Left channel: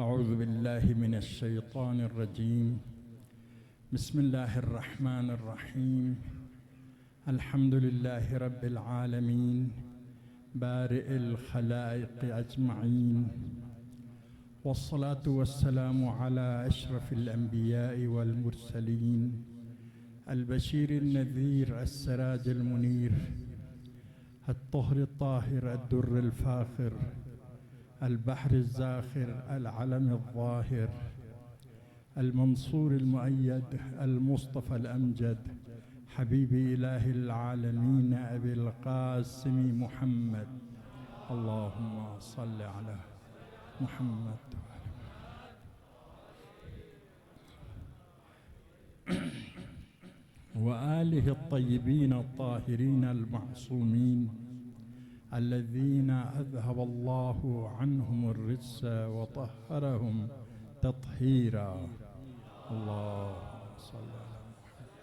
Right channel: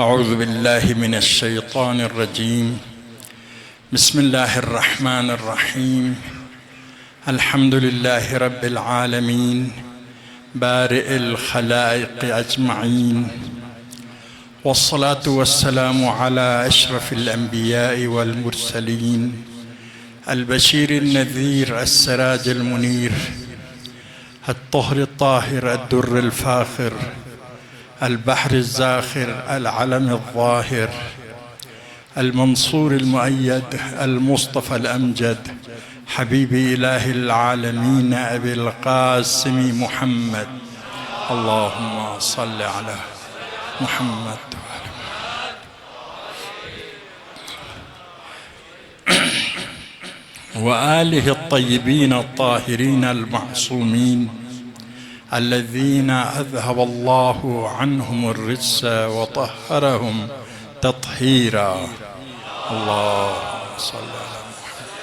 أعوذ بالله من الشيطان الرجيم. بسم الله الرحمن الرحيم. الحمد لله رب العالمين بارئ الخلائق أجمعين، والصلاة والسلام على أشرف الأنبياء والمرسلين، البشير النذير السراج المنير، الطهر الطاهر الدر الفاخر، البحر الزاخر العلم الظاهر، المنصور المؤيد المصطفى الأمجد، حبيب إله العالمين أبي القاسم محمد. اللهم صل على محمد وآله الطيبين الطاهرين المعصومين الذين أذهب الله عنهم الرجس وطهرهم تطهيرا. اللهم صل على محمد.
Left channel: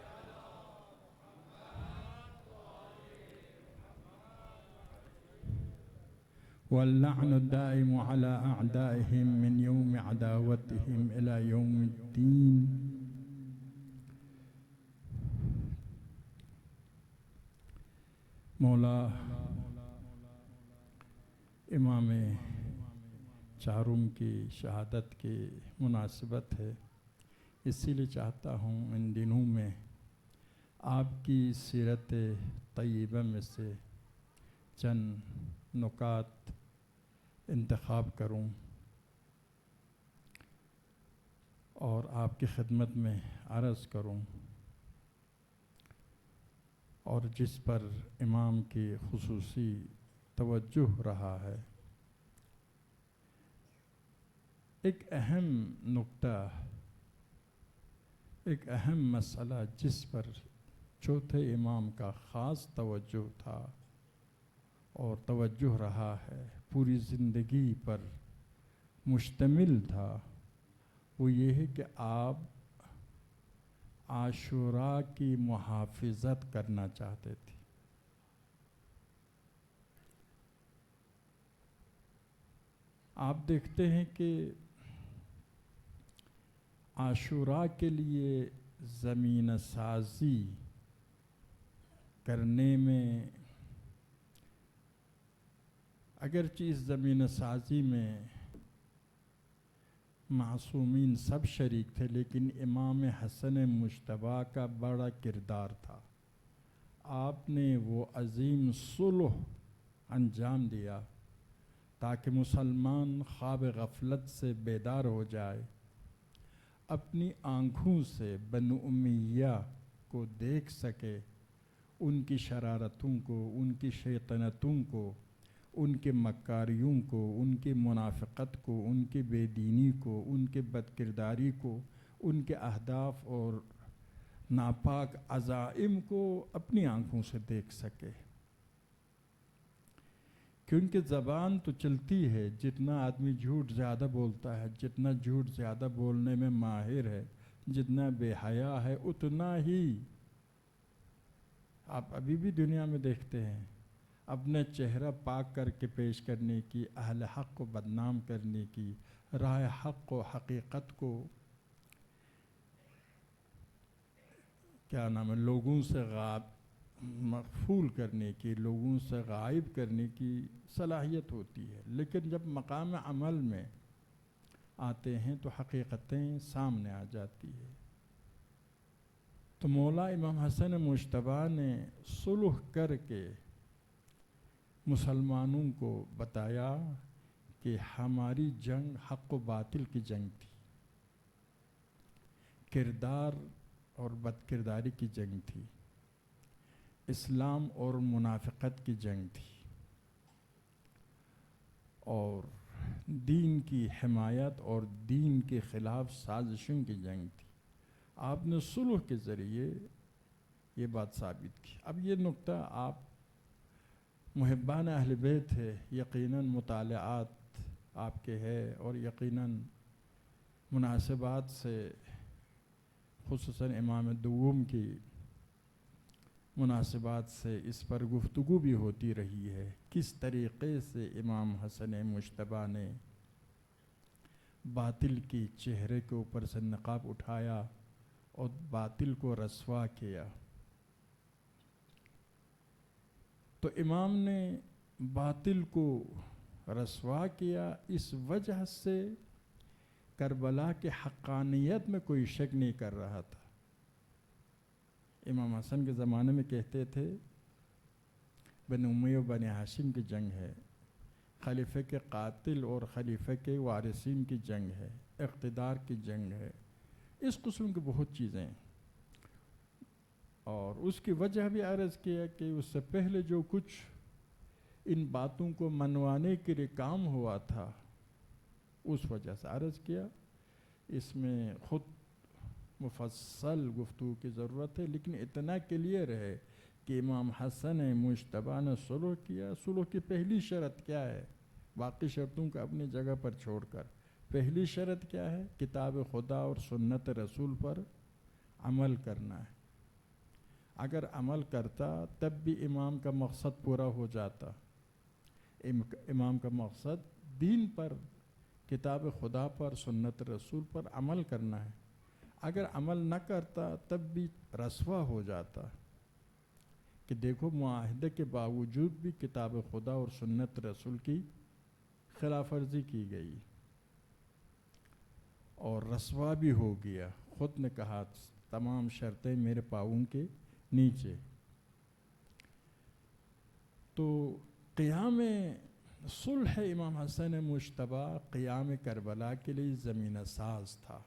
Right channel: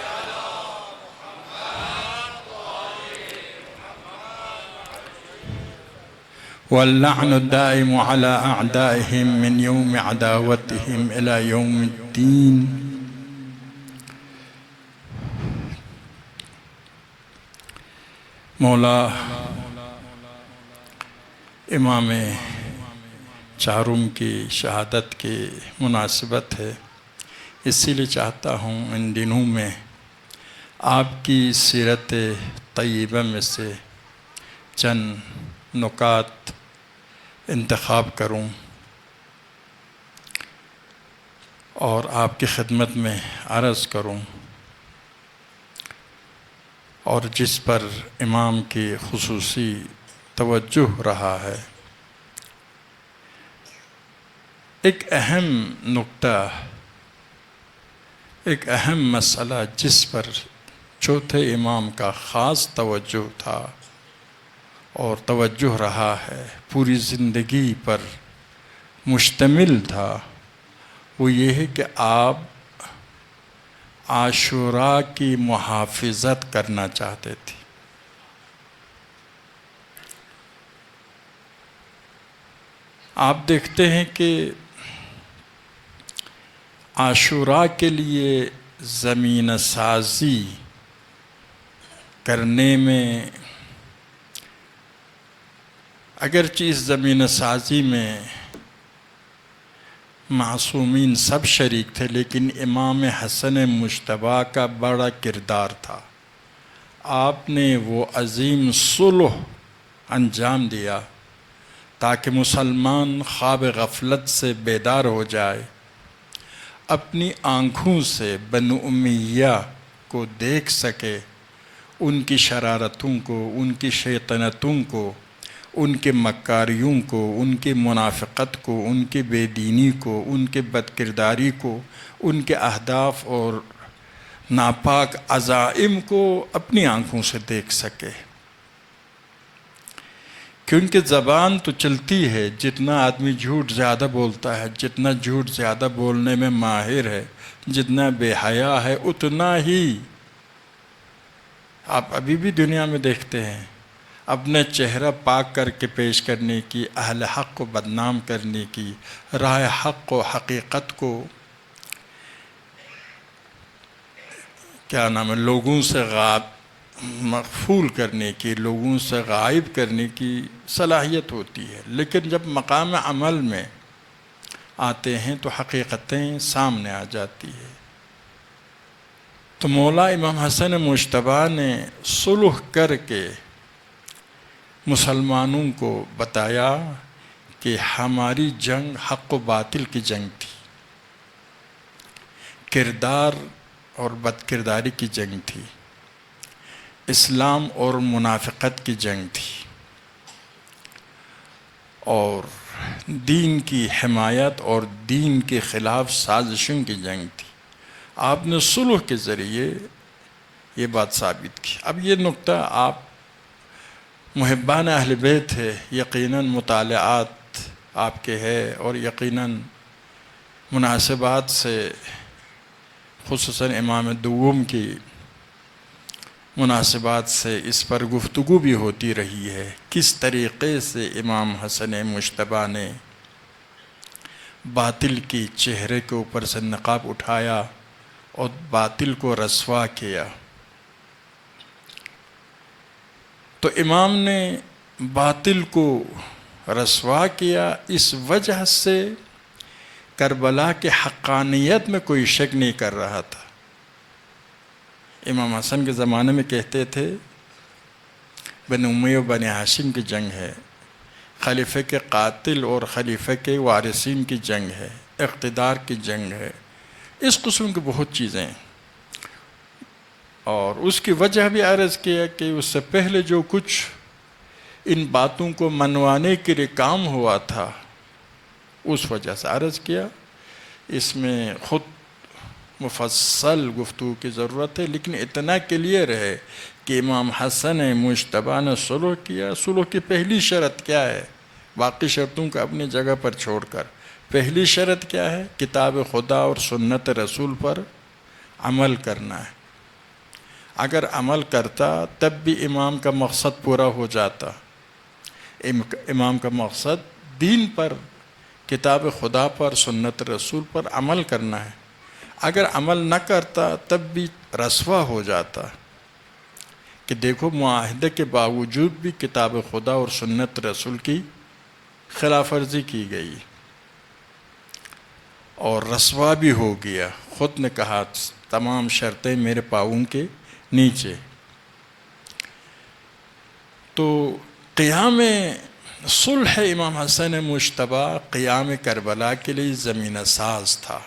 واللعن الدائم على أعدائهم من يوم عداوتهم إلى يوم الدين. مولا امام چارم کی شہادت کی مناسبت ہے، اسی لیے چاہتا ہوں ان دنوں میں آپ کی سیرت طیبہ میں سے چند نکات انتخاب کروں اور آپ کی خدمت میں عرض کروں، اور جس پر امام کی خصوصی توجہ رہا ہے۔ ایک اہم نکتہ، ایک اہم مسئلہ جس پر چوتھے امام کا خاص توجہ تھا اور توجہ رہا ہے، پوری زندگی پر مشتمل تھا، وہ یہ ہے کہ آپ عاشوراء کی محافظت کرنا چاہتے تھے۔ آپ دیکھتے ہیں کہ عاشوراء کے لیے زمین سازی کرنے میں، اگرچہ اس زمین سازی میں معصومین سب شریک تھے، لیکن امام حسن مجتبیٰ کا بڑا کردار تھا۔ آپ نے وہ عظیم صلح انجام دیا تاکہ مسلمان خواب غفلت سے بیدار ہو جائے، اپنی آنکھوں سے بنو امیہ کو دیکھ سکے، ان کی شرارتوں کو، ان کی شیطنتوں کو، ان کے مکاریوں کو، ان کی منافقت کو، ان کی بے دینی کو، ان کے بد کرداری کو، ان کے اہداف اور ناپاک عزائم کو اپنی آنکھوں سے دیکھ سکے۔ کیونکہ زبان تو چلتی ہے، جتنا آدمی جھوٹ زیادہ بولتا ہے، جتنا جھوٹ زیادہ بولنے میں ماہر ہے، جتنا بے حیا ہے، اتنا ہی آپ ابھی بھی دنیا میں دیکھتے ہیں، اپنے چہرہ پاک کر کے پیش کرنے کی، اہل حق کو بدنام کرنے کی، راہ حق و حقیقت کو لوگوں سے مغفول کرنے کی، لوگوں سے غائب کرنے کی صلاحیت ہوتی ہے، لیکن جب مقام عمل میں آتے ہیں تو حقیقتیں سامنے آ جاتی ہے۔ تو مولا امام حسن مجتبیٰ نے صلح کر کے مسلمانوں کو بتایا کہ ہماری جنگ حق و باطل کی جنگ تھی، کردار اور بد کرداری کی جنگ تھی، اسلام اور منافقت کی جنگ تھی، اور دین کی حمایت اور دین کے خلاف سازشوں کی جنگ تھی۔ آپ نے صلح کے ذریعے یہ بات ثابت کی۔ اب یہ نکتہ آپ محبان اہل بیت ہے، یقیناً مطالعات آپ کے ہے، اور یقیناً مناسبات سے، خصوصاً امام دوم کی مناسبات سے اس پر گفتگو بھی ہوتی رہی ہے، کس طریقے سے امام حسن مجتبیٰ نے باطل کی چہرے کے اوپر سے نقاب اٹھایا اور باطل کو رسوا کیا۔ تو امام نے باطل کو رسوا کیا، اس وجہ سے کربلا کے حقانیت میں کوئی شک نہیں کر رہا تھا۔ امام حسن کے زمانے میں کہتے تھے بنی امیہ و بنی ہاشم کی جنگ ہے، خلیفہ کے قاتل اور خلیفہ کے وارثین کی جنگ ہے، اقتدار کی جنگ ہے، اس قسم کی بہت چیزیں ہیں۔ اور اس کی وجہ بھی عرض کیا کہ اس سے پہلے جو کچھ ان باتوں کو منوانے کے لیے کام ہوا تھا اس وجہ سے عرض کیا۔ اس میں خود مفصل گفتگو کی ضرورت ہے، لیکن اتنا کلیئر ہے کہ امام حسن مجتبیٰ نے صلح کیا۔ صلح کی پہلی شرط کیا ہے؟ باقی شرطوں کو اپنی جگہ پر چھوڑ کر پہلی شرط کیا ہے؟ کتاب خدا اور سنت رسول پر عمل کرنا ہے۔ اگر عمل کرتا تب بھی امام کا مقصد پورا ہو جاتا۔ امام کا مقصد دین پر، کتاب خدا پر، سنت رسول پر عمل کرنا ہے۔ اگر عمل نہ کرتا تب بھی رسوا ہو جاتا کہ دیکھو معاہدے کے باوجود بھی کتاب خدا اور سنت رسول کی خلاف ورزی کی گئی اور رسوا بھی ہو گیا۔ خود نے کہا تمام شرطیں میرے پاؤں کے نیچے۔ تو قیام صلح امام حسن مجتبیٰ قیام کربلا کے لیے زمینہ ساز تھا۔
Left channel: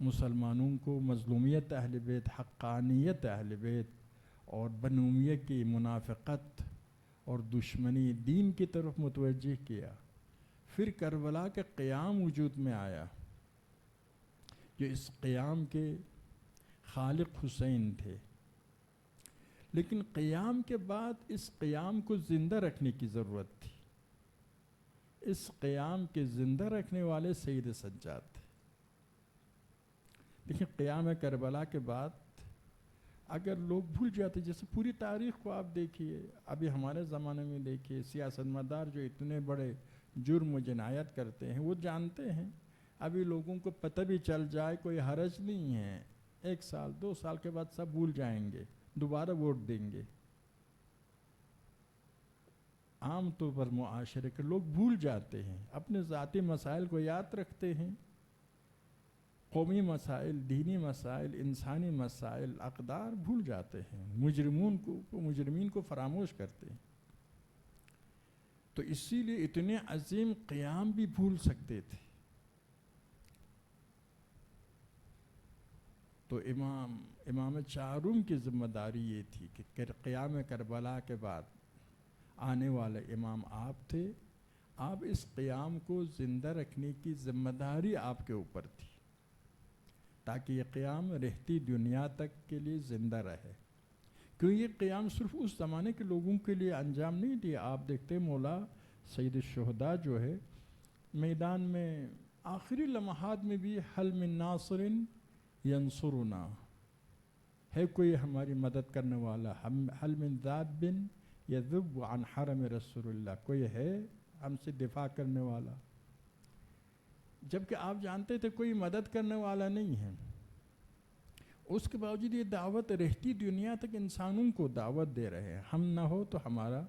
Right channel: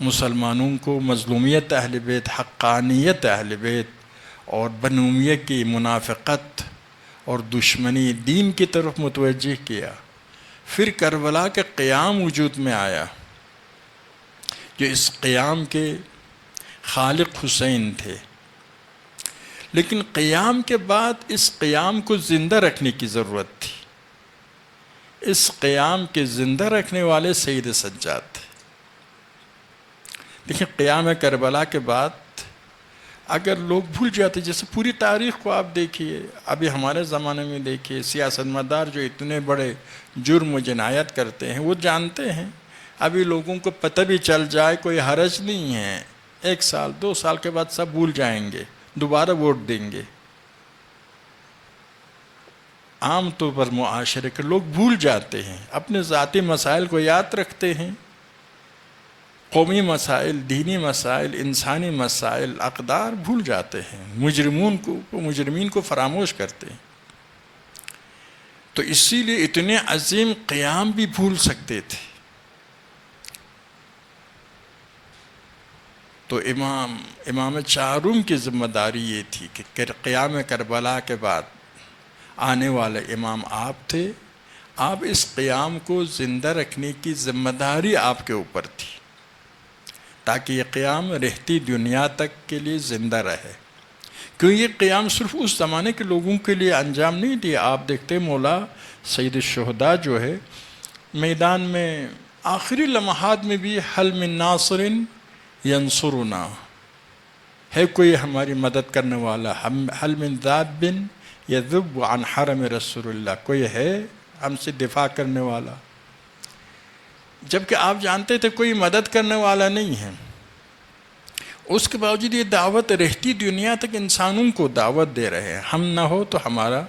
مسلمانوں کو مظلومیت اہل بیت، حقانیت اہل بیت اور بنی امیہ کی منافقت اور دشمنی دین کی طرف متوجہ کیا۔ پھر کربلا کے قیام وجود میں آیا، جو اس قیام کے خالق حسین تھے۔ لیکن قیام کے بعد اس قیام کو زندہ رکھنے کی ضرورت تھی۔ اس قیام کے زندہ رکھنے والے سید سجاد تھے۔ دیکھیں قیام کربلا کے بعد اگر لوگ بھول جاتے، جیسے پوری تاریخ کو آپ دیکھیے، ابھی ہمارے زمانے میں دیکھیے، سیاست مدار جو اتنے بڑے جرم و جنایت کرتے ہیں وہ جانتے ہیں، ابھی لوگوں کو پتہ بھی چل جائے کوئی حرج نہیں ہے، 1 سال 2 سال کے بعد سب بھول جائیں گے، دوبارہ ووٹ دیں گے۔ عام طور پر معاشرے کے لوگ بھول جاتے ہیں، اپنے ذاتی مسائل کو یاد رکھتے ہیں، قومی مسائل، دینی مسائل، انسانی مسائل، اقدار بھول جاتے ہیں، مجرمین کو فراموش کرتے ہیں۔ تو اسی لیے اتنے عظیم قیام بھی بھول سکتے تھے۔ تو امام چہارم کی ذمہ داری یہ تھی کہ قیام کربلا کے بعد آنے والے امام آپ تھے، آپ اس قیام کو زندہ رکھنے کی ذمہ داری آپ کے اوپر تھی، تاکہ یہ قیام رہتی دنیا تک کے لیے زندہ رہے۔ کیوں یہ قیام صرف اس زمانے کے لوگوں کے لیے انجام نہیں دیا۔ آپ دیکھتے مولا سید الشہداء جو ہے میدان میں آخری لمحات میں بھی حل من ناصر ینصرنا، ہے کوئی ہماری مدد کرنے والا، حل من ذاب یذب عن حرم رسول اللہ، کوئی ہے ہم سے دفاع کرنے والا؟ جبکہ آپ جانتے تھے کوئی مدد کرنے والا نہیں ہے، اس کے باوجود یہ دعوت رہتی دنیا تک انسانوں کو دعوت دے رہے ہیں۔ ہم نہ ہو تو ہمارا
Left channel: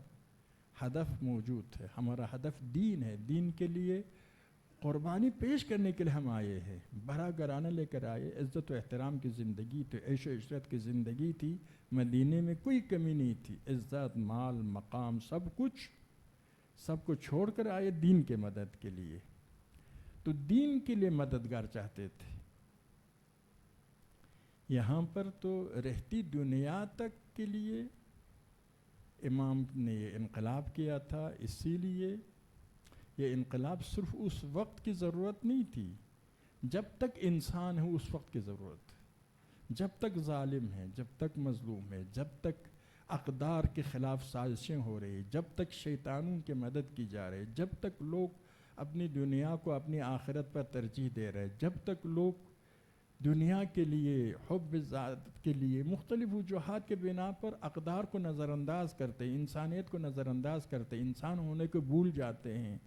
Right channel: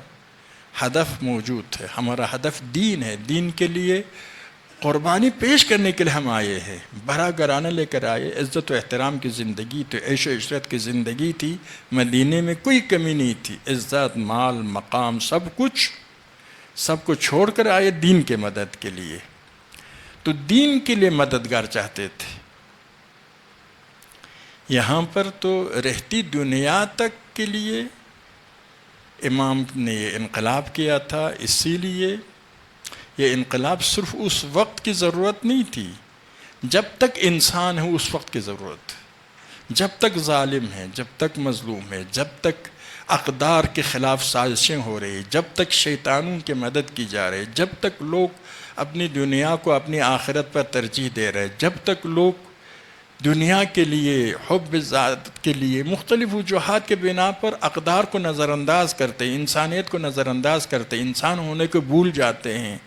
ہدف موجود ہے، ہمارا ہدف دین ہے، دین کے لیے قربانی پیش کرنے کے لیے ہم آئے ہیں، بڑا گھرانہ لے کر آئے، عزت و احترام کی زندگی تھی، عیش و عشرت کی زندگی تھی، مدینے میں کوئی کمی نہیں تھی، عزت، مال، مقام، سب کو چھوڑ کر آئے دین کے مدد کے لیے۔ تو دین کے لیے مددگار چاہتے تھے۔ یہاں پر تو رہتی دنیا تک کے لیے امام نے یہ انقلاب کیا تھا، اسی لیے یہ انقلاب صرف اس وقت کی ضرورت نہیں تھی، جب تک انسان ہے اس وقت کی ضرورت ہے، جب تک ظالم ہے، جب تک مظلوم ہے، جب تک اقدار کے خلاف سازشیں ہو رہی، جب تک شیطانوں کی مدد کی جا رہی، جب تک لوگ اپنی دنیا کو اپنی آخرت پر ترجیح دے رہے، جب تک لوگ دنیا کے لیے، حب ذات کے لیے مختلف وجوہات کے بنا پر اقدار کو نظر انداز کرتے ہیں، انسانیت کو نظر انداز کرتے ہیں، انسان ہونے کو بھول جاتے ہیں،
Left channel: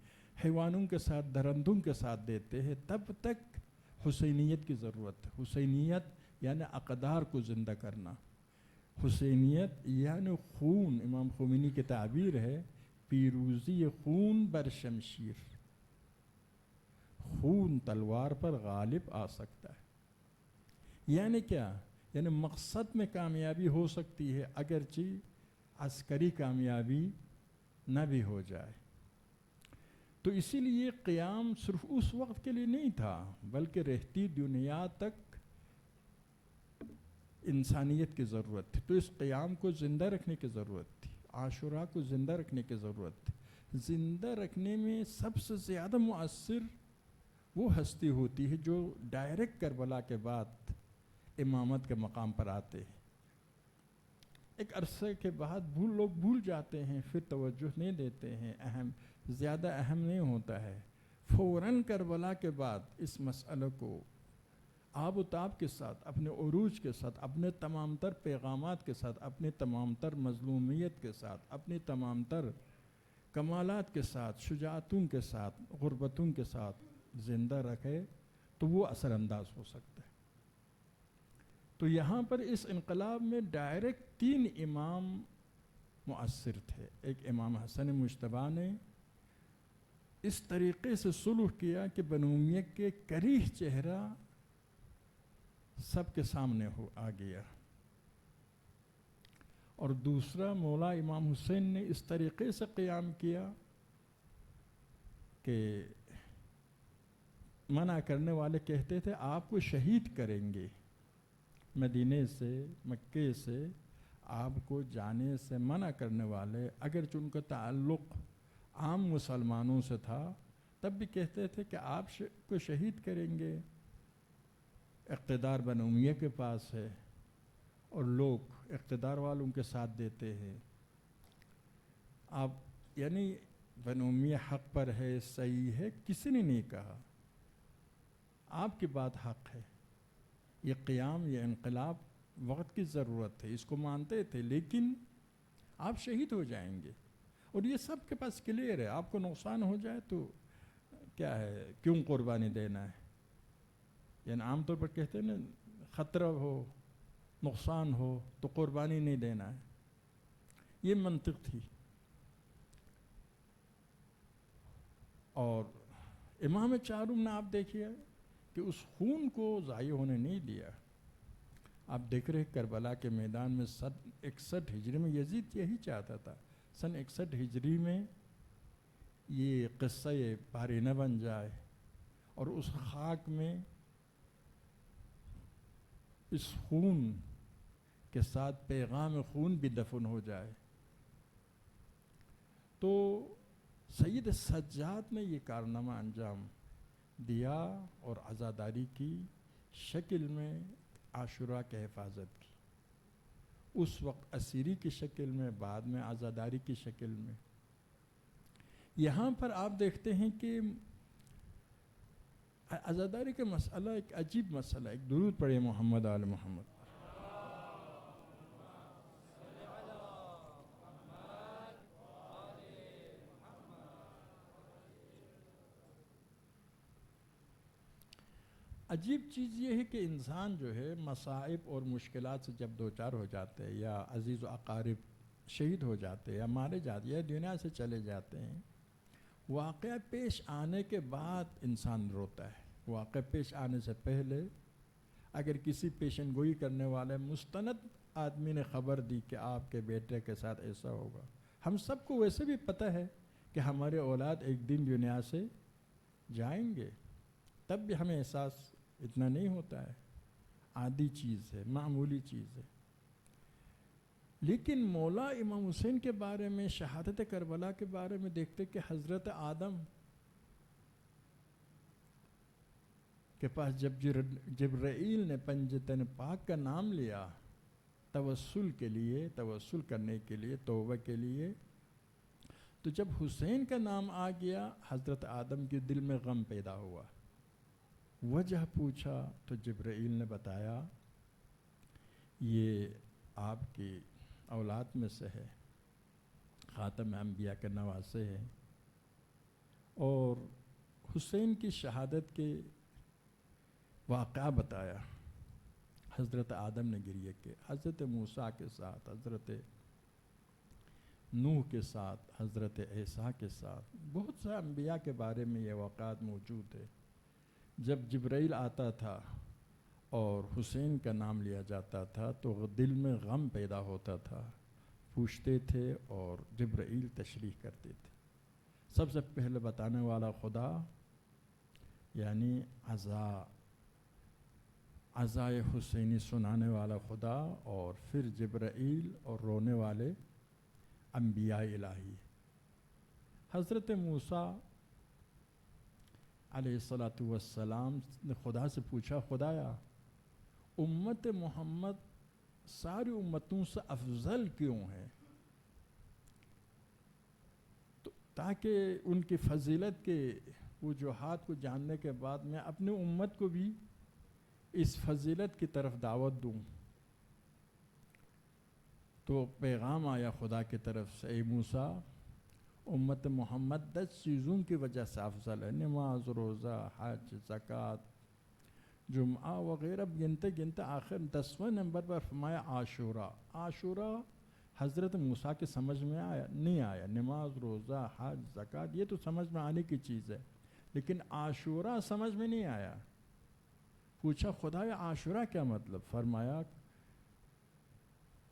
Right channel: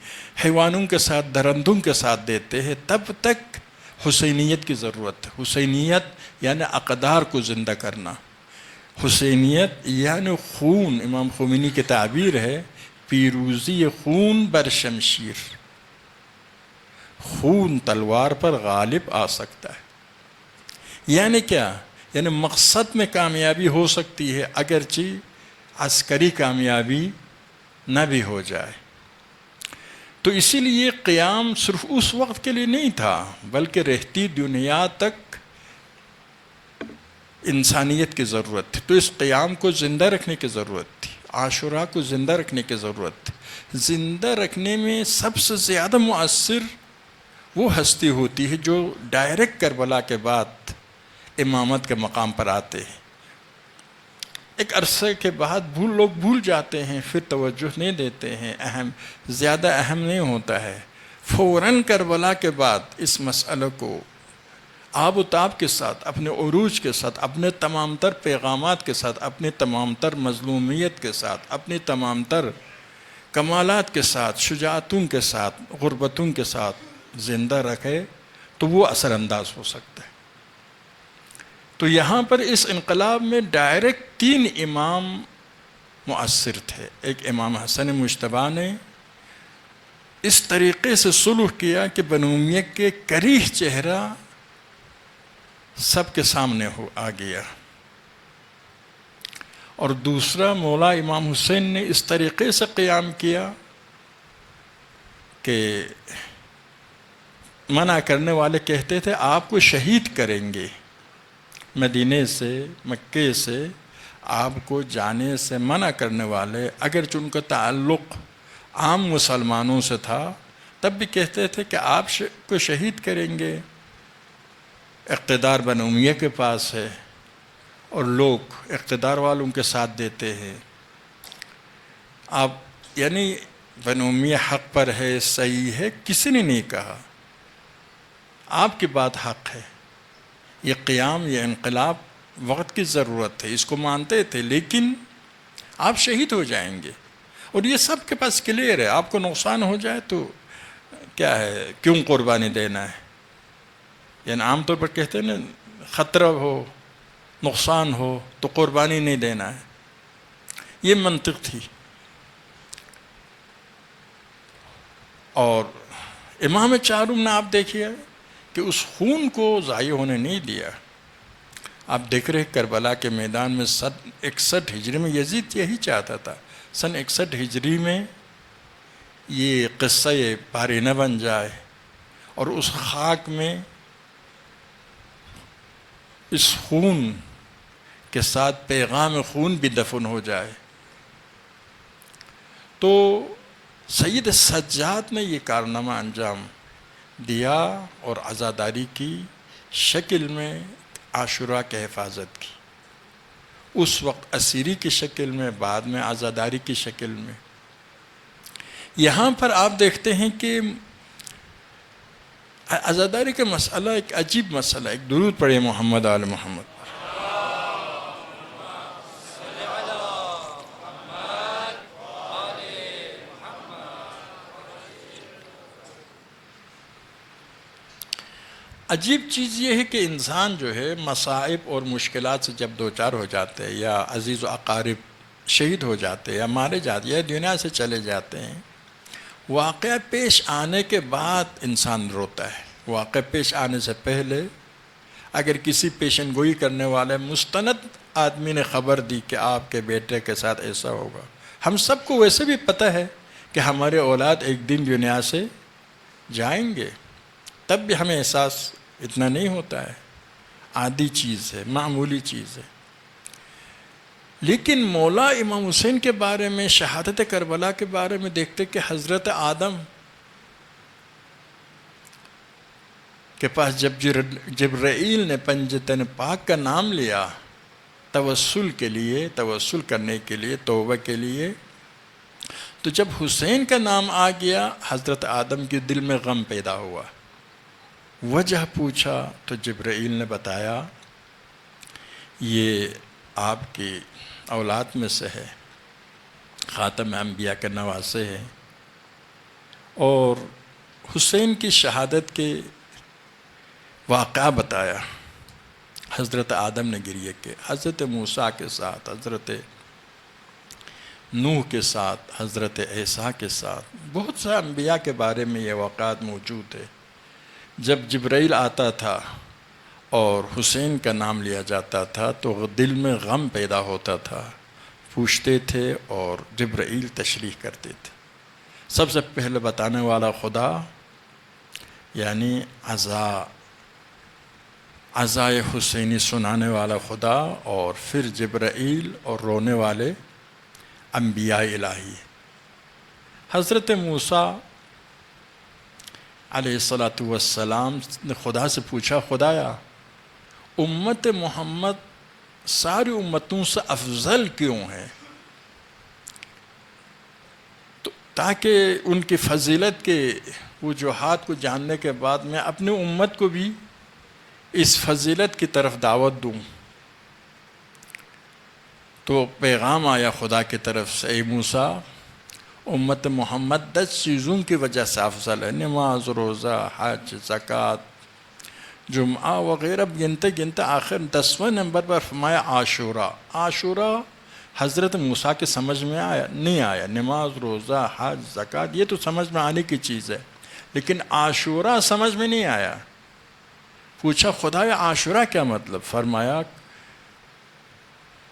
حیوانوں کے ساتھ درندوں کے ساتھ دیتے ہیں، تب تک حسینیت کی ضرورت ہے۔ حسینیت یعنی اقدار کو زندہ کرنا، حسینیت یعنی خون، امام خمینی کی تعبیر ہے پیروزی خون بر شمشیر، خون تلوار پر غالب آ سکتا ہے۔ یعنی کیا؟ یعنی مقصد میں کامیابی ہو سکتی ہے اگرچہ عسکری کامیابی نہ بھی ہو جائے۔ تو اسی لیے قیام صرف اس وقت کے لیے نہیں تھا، بلکہ رہتی دنیا تک انسانیت کی ضرورت تھی۔ تو اس قیام کو زندہ رکھنے کی ضرورت تھی، عاشوراء کو زندہ رکھنے کی ضرورت تھی۔ زندہ رکھنے میں سب سے زیادہ مؤثر وہ ہستی ہوتی ہے جو ڈائریکٹ کربلا کے بعد امامت کے مقام پر آتے ہیں۔ ایک عرصے کے بعد لوگ بھول جاتے ہیں، پھر توجہ نہیں دیتے ہیں، زیادہ اہم نہیں ہوتا ہے۔ فوراً کربلا کے بعد اس مسئلے کو آب و تاب کے ساتھ، اپنے عروج کے ساتھ، اپنے تمام تر پیغامات کے ساتھ، اپنی تمام تر مظلومیت کے ساتھ، اپنی تمام تر کمالات کے ساتھ، شجاعتوں کے ساتھ، غربتوں کے ساتھ زندہ رکھے تو وہ اثر انداز ہو سکتا ہے۔ تو یہاں پر اس انقلاب میں ڈائریکٹ 3 امام مؤثر تھے۔ ایک امام حسن مجتبیٰ نے اس طریقے سے صلح کیا کہ بنو امیہ کے کریہ چہرہ سب کے سامنے آ گیا، اور دوسرا مولا امام حسین نے اس طریقے سے قیام کیا کہ منع کرنے والے کہتے تھے آپ کو شہید کریں گے، مدینے سے، مکے سے آپ کو جانے سے منع کرنے والے، اگرچہ ان کا تعلق عام مسلمانوں سے تھا، تب بھی کہتے تھے کہ آپ کو شہید کریں گے۔ اقتدار بنو امیہ کے پاس ہے اور لوگ اقتدار والوں کے ساتھ دیتے ہیں، آپ یعنی بنو امیہ حق پر ہے، صحیح ہے، کسی نے نہیں کہا، آپ کی بات حق ہے۔ یہ قیام، یہ انقلاب وقت کی ضرورت ہے، اس کو مانتے تھے، لیکن آپ شہید ہو جائیں گے، اور یہ سب کے پاس کلیئر ہے۔ آپ کو نقصان ہو جائے تو کیا ہے، کیوں قربانی دینا ہے؟ یعنی عام طور پر کہتے ہیں نا، خطرہ ہو، نقصان ہو تو قربانی نہیں دینا ہے، یہ منطق تھی۔ اور امام چارم نے آپ دیکھیے کہ اس خون کو ضائع ہونے نہیں دیا۔ آپ دیکھ رہے کربلا کے میدان میں 61 ہجری میں یزید یہی چاہتا تھا، سن 61 ہجری میں یہ قصہ پاری نہ بن جائے، اور اس خاک میں اس خون کے ساتھ پیغام خون بھی دفن ہو جائے۔ تو سید سجاد نے یہ کارنامہ انجام دیا اور عزاداری کی شکل میں عاشوراء کی حفاظت کی، اس وقت اسیری کی شکل میں، بعد میں عزاداری کی شکل میں۔ یہاں پر آپ دیکھتے ہیں کہ عزاداری کا مسئلہ ایک عجیب مسئلہ ہے۔ ایک درود پڑھے محمد آل محمد۔ عجیب چیز یہ ہے کہ انسان جو ہے مصائب اور مشکلات سے جب دوچار ہو جاتے ہیں، یا عزیز و اقارب شہید ہو جاتے ہیں یا مارے جاتے ہیں یا دنیا سے چلے جاتے ہیں، واقعہ پیش آنے کے بعد انسان روتا ہے۔ واقعہ پیش آنے سے پہلے اگر کسی پیشن گوئی کرنے والے مستند آدمی نے خبر دی کہ آپ کے بیٹے کے ساتھ ایسا ہوگا، ہم سب کو ویسے بھی پتہ ہے کہ ہمارے اولاد ایک دن دنیا سے جائیں گے، تب بھی ہمیں احساس اتنا نہیں ہوتا ہے، عادی چیز ہے، معمولی چیز ہے۔ لیکن مولا امام حسین کے بارے میں، شہادت کربلا کے بارے میں دیکھتے کہ حضرت آدم کے پاس جب جبرائیل نے پنجتن پاک کا نام لیا توسل کے لیے، توسل کرنے کے لیے، توبہ کے لیے، تو جب حسین کا نام آ گیا حضرت آدم کے دل میں غم پیدا ہوا، وجہ پوچھا تو جبرائیل نے بتایا یہ آپ کی اولاد میں سے ہے، خاتم انبیاء کے نواسے ہیں، اور حسین کی شہادت کے واقعہ بتایا۔ حضرت آدم نے گریہ کے، حضرت موسیٰ کے ساتھ، حضرت نوح کے ساتھ، حضرت عیسیٰ کے ساتھ، بہت سے انبیاء کے بارے میں یہ واقعات موجود ہے۔ جب جبرائیل آتا تھا اور حسین کا نام لیا جاتا تھا تو دل میں غم پیدا ہوتا تھا، پوچھتے تھے اور جبرائیل تشریح کرتے تھے۔ سب سے پہلے بتانے والا خدا، یعنی عزائے حسینی سنانے والا خدا، اور پھر جبرائیل اور رونے والے انبیاء الہی۔ حضرت موسیٰ علیہ السلام نے خدا سے پوچھا، خدایا امت محمد ساری امتوں سے افضل کیوں ہے؟ تو تاکہ ان کی فضیلت کے وجوہات کو جاننے کے بعد میں اپنی امت کو بھی اس فضیلت کی طرف دعوت دوں۔ تو پیغام آیا خدا کی طرف سے، اے موسیٰ امت محمد 10 چیزوں کی وجہ سے افضل ہے، نماز، روزہ، حج، زکوٰۃ، جمعہ وغیرہ گنتے گنتے آخر 10ویں نمبر پر فرمایا عاشورہ۔ عاشورہ حضرت موسیٰ کے سمجھ میں نہیں آیا، نماز، روزہ، حج، زکوٰۃ یہ تو سمجھ میں آنے کی چیز ہے، لیکن عاشورہ سمجھ میں نہیں آیا۔ پوچھا خدا یہ عاشورہ کیا مطلب؟ فرمایا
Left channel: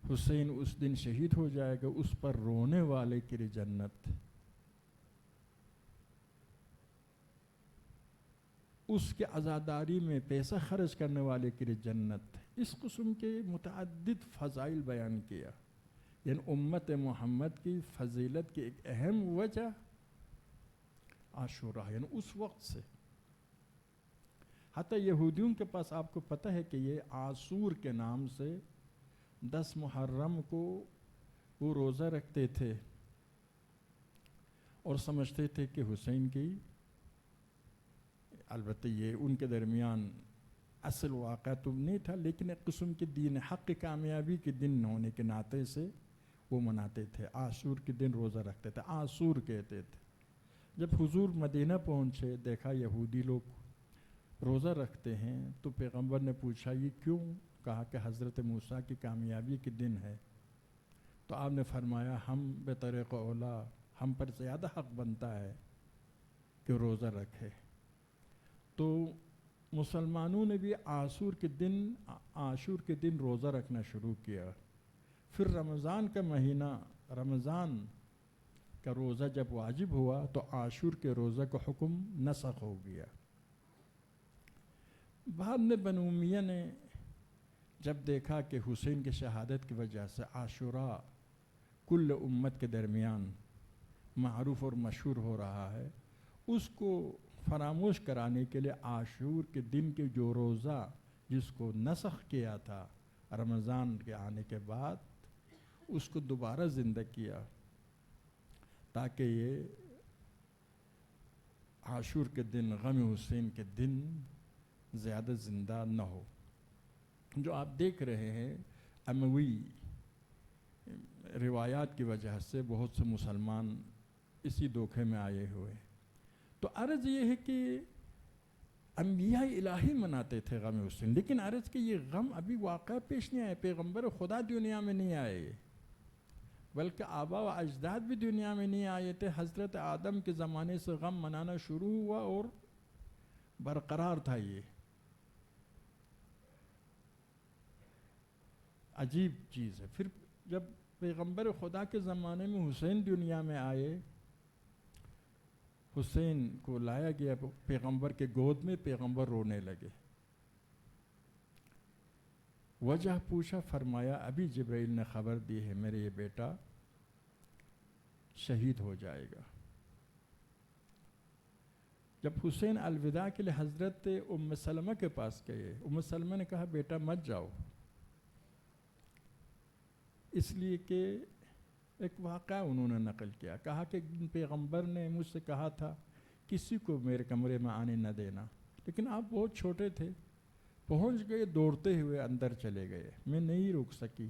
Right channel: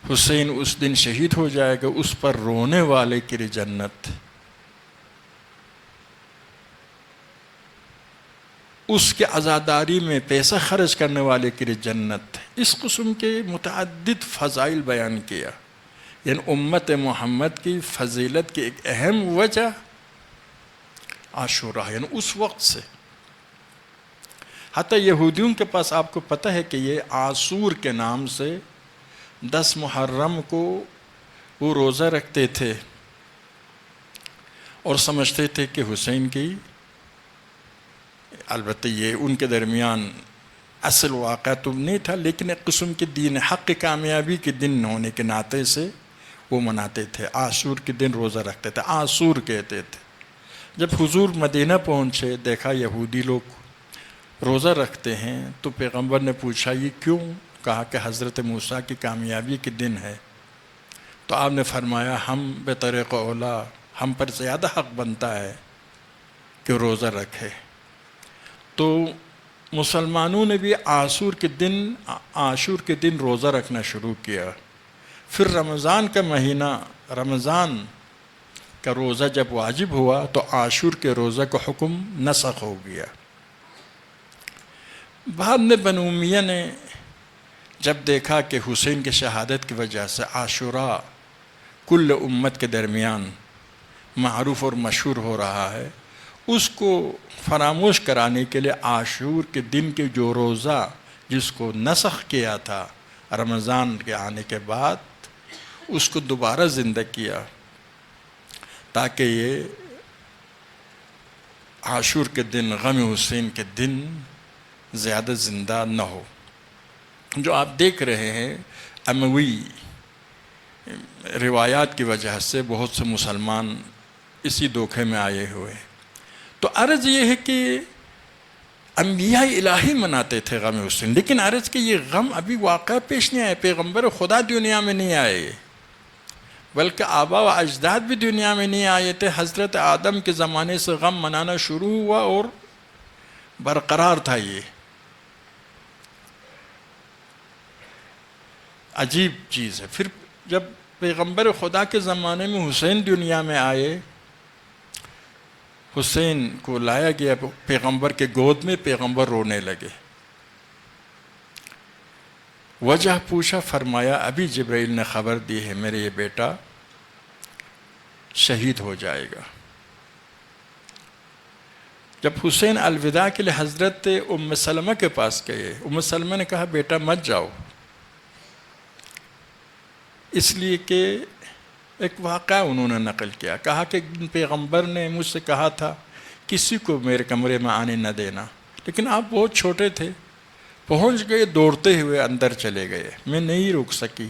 حسین اس دن شہید ہو جائے گا، اس پر رونے والے کے لیے جنت، اس کے عزاداری میں پیسہ خرچ کرنے والے کے لیے جنت۔ اس قسم کے متعدد فضائل بیان کیا، یعنی امت محمد کی فضیلت کی ایک اہم وجہ عاشورہ، یعنی اس وقت سے حتیٰ یہودیوں کے پاس آپ کو پتہ ہے کہ یہ عاشور کے نام سے 10 محرم کو وہ روزہ رکھتے تھے اور سمجھتے تھے کہ حسین کی، البتہ یہ ان کے درمیان اصل واقعہ تو نہیں تھا، لیکن ایک قسم کے دین حق کی کامیابی کے دن ہونے کے ناطے سے وہ مناتے تھے، عاشور کے دن روزہ رکھتے تھے، عاشور کہتے تھے۔ جب حضور مدینہ پہنچے، دیکھا یہودی لوگ روزہ رکھتے ہیں، تو پیغمبر نے پوچھا یہ کیوں؟ کہا کہ حضرت موسیٰ کی کامیابی کے دن ہے۔ تو آپ نے فرمایا ہم بطریق اولا، ہم پر زیادہ حق بنتا ہے کہ روزہ رکھے۔ تو مسلمانوں نے بھی عاشور کے دن روزہ رکھنا شروع کیا۔ پھر رمضان کا مہینہ، رمضان کا روزہ جب واجب ہوا تو عاشور کے روزہ کا حکم نسخ ہو گیا۔ بعد میں بنو امیہ نے جب دیکھا کہ حسین کی شہادت کی وجہ سے عاشورہ کل امت کے درمیان معروف اور مشہور ہو رہا ہے، اس کو فراموش کرانے کے لیے عاشور کے دن کے جو روزہ جس کو نسخ کیا تھا رمضان کے آنے کے بعد، اس کو دوبارہ زندہ کیا تاکہ یہ عاشور کے دن، غم حسین کے دن زیادہ زندہ نہ ہو۔ جو آپ دیکھ رہے ہیں اموی روایات کی وجہ سے بہت سے مسلمان اسی دھوکے میں آئے ہوئے۔ تو عرض یہ ہے کہ انبیاء الہی مناتے تھے غم حسین، لیکن عرض کہ یہ غم ابھی واقعہ پیش نہیں آئے، پیغمبر خدا دنیا میں نہیں آئے، بلکہ آبا و اجداد بھی دنیا میں نہیں آئے تھے۔ حضرت آدم کے زمانے سے غم منانا شروع ہوا اور برقرار تھا۔ یہ عجیب چیز ہے۔ پھر جب پیغمبر خدا کے زمانے میں حسین دنیا میں آئے، حسین کو لایا گیا پیغمبر کے گود میں، پیغمبر رونے لگے۔ وجہ پوچھا، فرمایا ابھی جبرائیل نے خبر دی ہے میرے یہ بیٹا شہید ہو جائے گا۔ جب حسین الوداع کے لیے حضرت ام سلمہ کے پاس گئے، ام سلمہ نے کہا بیٹا مت جاؤ، اس لیے کہ ایک واقعہ انہوں نے نقل کیا، کہا کہ پیغمبر نے مجھ سے کہا تھا کسی کو میرے کمرے میں آنے نہ دینا، لیکن آپ بہت چھوٹے تھے، پہنچ گئے، دوڑتے ہوئے اندر چلے گئے، میں نہیں رک سکی،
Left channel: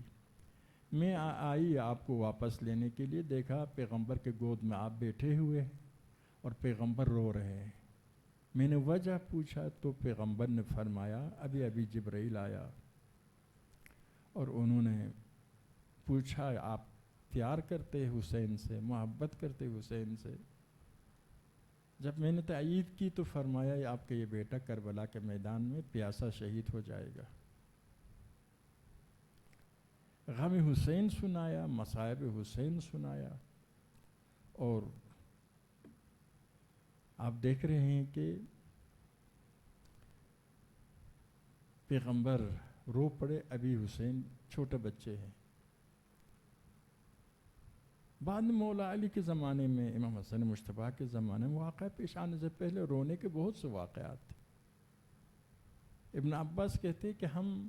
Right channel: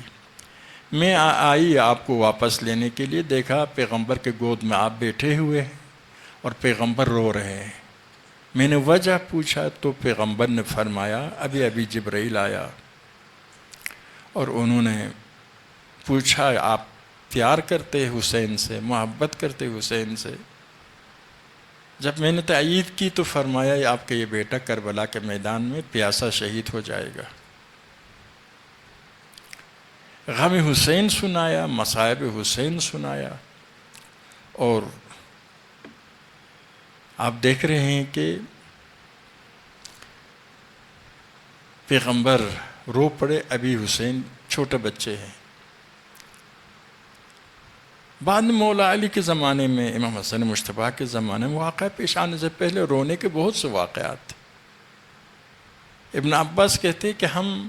میں آئی آپ کو واپس لینے کے لیے، دیکھا پیغمبر کے گود میں آپ بیٹھے ہوئے ہیں اور پیغمبر رو رہے ہیں۔ میں نے وجہ پوچھا تو پیغمبر نے فرمایا ابھی ابھی جبرائیل آیا اور انہوں نے پوچھا آپ پیار کرتے حسین سے، محبت کرتے حسین سے؟ جب میں نے تائید کی تو فرمایا آپ کا یہ بیٹا کربلا کے میدان میں پیاسا شہید ہو جائے گا۔ غم حسین سنایا، مصائب حسین سنایا، اور آپ دیکھ رہے ہیں کہ پیغمبر رو پڑے، ابھی حسین چھوٹے بچے ہیں۔ بعد میں مولا علی کے زمانے میں، امام حسن مجتبیٰ کے زمانے میں واقعہ پیش آنے سے پہلے رونے کے بہت سے واقعات تھے۔ ابن عباس کہتے ہیں کہ ہم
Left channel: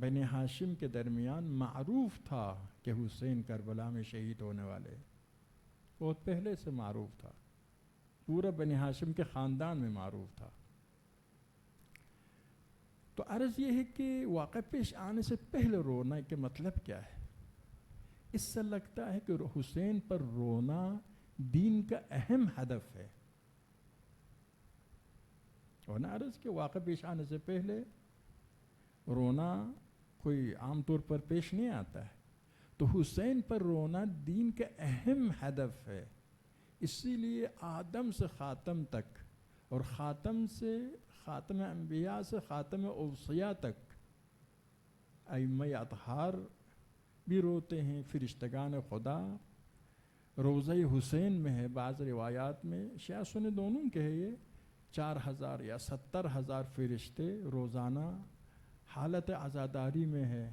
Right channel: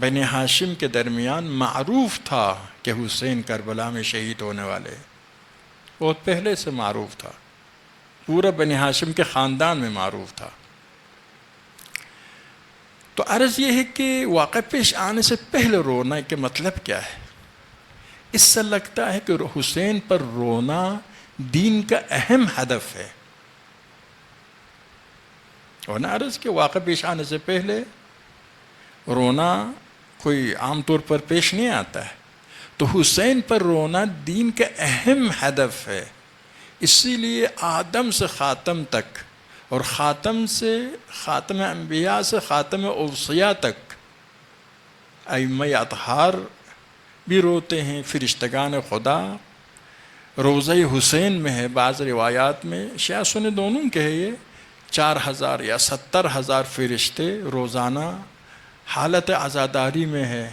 بنی ہاشم کے درمیان معروف تھا کہ حسین کربلا میں شہید ہونے والے، بہت پہلے سے معروف تھا، پورا بنی ہاشم کے خاندان میں معروف تھا۔ تو عرض یہ ہے کہ واقعہ پیش آنے سے پہلے رونا کے مطلب کیا ہے؟ اس سے لگتا ہے کہ حسین پر رونا دین کا اہم ہدف ہے، اور نہ عرض کہ واقعہ پیش آنے سے پہلے رونا کوئی عام طور پر پیش نہیں آتا ہے، تو حسین پر رونا دین کا اہم ہدف ہے۔ اسی لیے آدم سے خاتم تک، اور خاتم سے خاتم انبیاء سے خاتم اوصیاء تک ائمہ اطہار بھی روتے ہیں، فرشتگان خدا روضہ حسین میں ہے۔ بعض روایات میں شیعہ سنی دونوں کے ہے، یہ 4000 یا 70,000 فرشتے روزانہ حالت عزاداری میں ہے،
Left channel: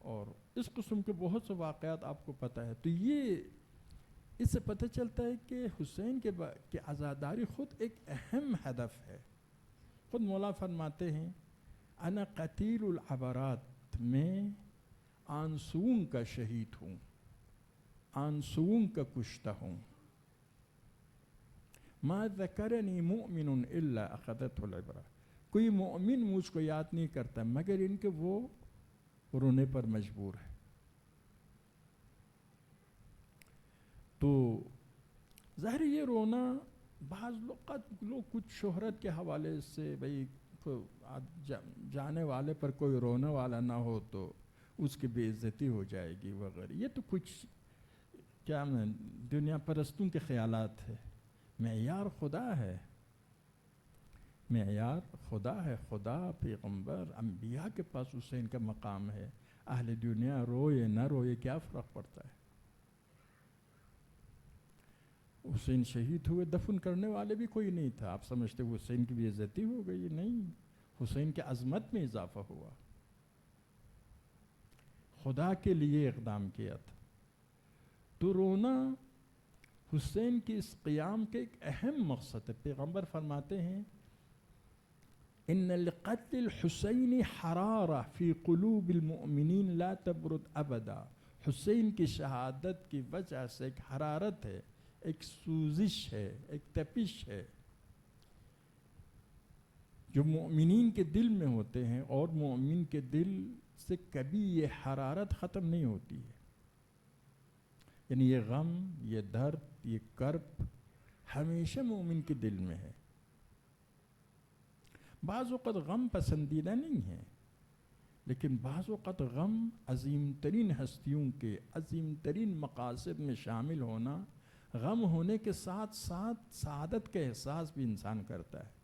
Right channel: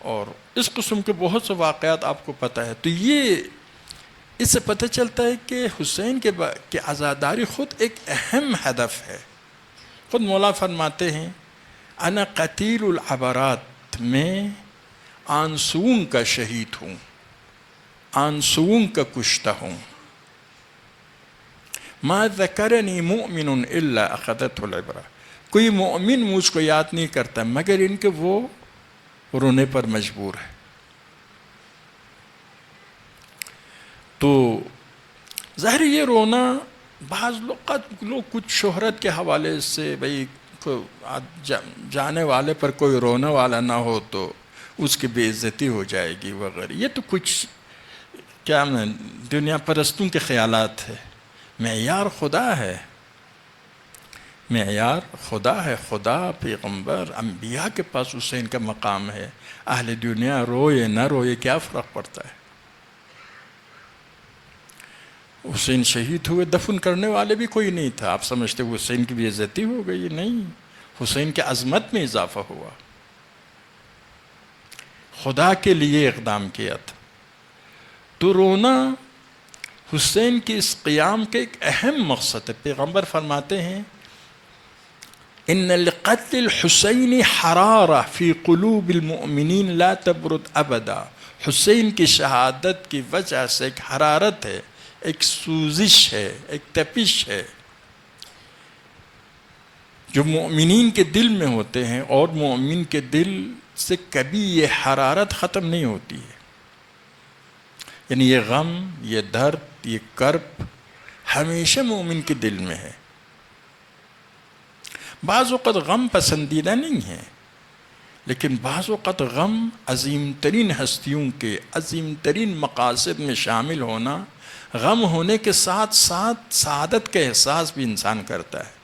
اور اس قسم کے بہت سے واقعات آپ کو پتہ ہے۔ تو یہ اس سے پتہ چلتا ہے کہ حسین کے عزاداری خود ایک اہم ہدف ہے۔ خود مولا فرماتے ہیں انا قتیل العبرات، میں آنسوؤں کا شہید ہوں، آنسوؤں کا کشتہ ہوں۔ ما ذکرنی مؤمن الا اخذته العبرہ، کوئی مومن مجھ کو یاد نہیں کرتا مگر ان کے وہ رونے پر مجبور ہے۔ تو ظاہر یہ رونا، بعض لوگ کچھ شہرت کے حوالے سے، بھئی جانے والے پر کوئی رونے والا نہ ہو تو اس کی بے عزتی ہو جائے گی وغیرہ، یہ تو کچھ کیا دنیا پرستوں کے خیالات ہے۔ معیار خدا ہے، معیار خدا ہے، خدا، پیغمبر، انبیاء کے پاس حسین کا مقام ہے۔ اہل دنیا روئے نہ روئے کیا فرق پڑتا ہے؟ حسین شہید ہوئے، دفن کرنے والے بھی کوئی نہیں تھا، آپ سمجھتے حسین کی بے عزتی ہو گئی؟ نہیں، حسین کی عظمت میں اضافہ ہوا، خدا کے لیے اقدام کیا تھا۔ تو رونا حسین کے اس قیام کے ایک اہم مقصد ہے۔ پیغمبر فرماتے ہیں ان لقتل الحسین حرارہ فی قلوب المؤمنین لا تبرد ابدا، حسین کی شہادت کی وجہ سے ایک حرارت ہے، ایک سوزش ہے، ایک تپش ہے جو مومنین کے دل میں ہوتے ہیں، اور مومن کے دل سے کبھی یہ حرارت ختم نہیں ہوتی ہے۔ یعنی یہ غم، یہ درد، یہ کرب ہمیشہ مومن کے دل میں ہے۔ بعض اوقات غم پسندیدہ نہیں ہے، لیکن بعض اوقات غم عظیم ترین ہستیوں کے عظیم ترین مقاصد میں شامل ہونا، غم ہونے کے ساتھ ساتھ سعادت کا احساس بھی انسان کرتا ہے،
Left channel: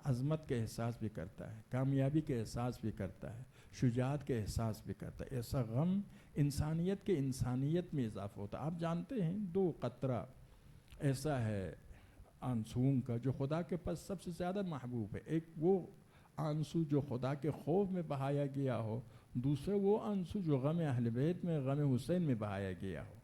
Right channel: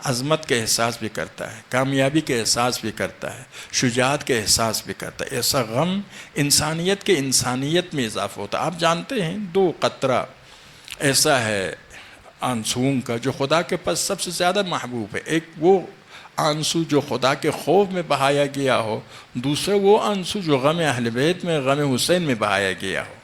عظمت کا احساس بھی کرتا ہے، کامیابی کا احساس بھی کرتا ہے، شجاعت کا احساس بھی کرتا ہے۔ ایسا غم انسانیت کے انسانیت میں اضافہ ہوتا ہے۔ آپ جانتے ہیں 2 قطرہ ایسا ہے آنسوؤں کا جو خدا کے پاس سب سے زیادہ محبوب ہے۔ ایک وہ آنسو جو خدا کے خوف میں بہایا گیا ہو، دوسرا وہ آنسو جو غم اہل بیت میں، غم حسین میں بہایا گیا ہو،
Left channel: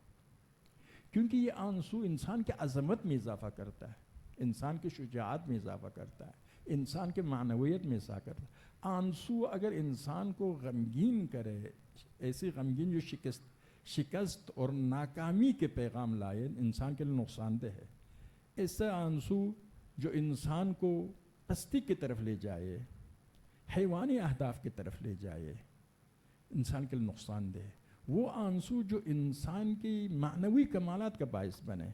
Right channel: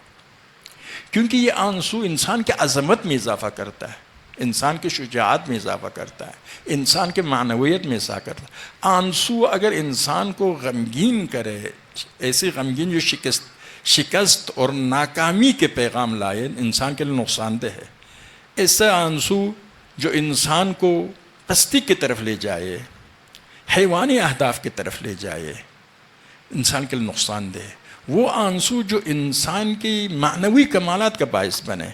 کیونکہ یہ آنسو انسان کے عظمت میں اضافہ کرتا ہے، انسان کی شجاعت میں اضافہ کرتا ہے، انسان کے معنویت میں اضافہ کرتا ہے۔ آنسو اگر انسان کو غمگین کرے، ایسی غمگین جو شکست اور ناکامی کے پیغام لائے، انسان کے لیے نقصان دہ ہے۔ ایسا آنسو جو انسان کو پستی کی طرف لے جائے، حیوانی اہداف کی طرف لے جائے، انسان کے لیے نقصان دہ، وہ آنسو جو انسان کی معنوی کمالات کا باعث بنے،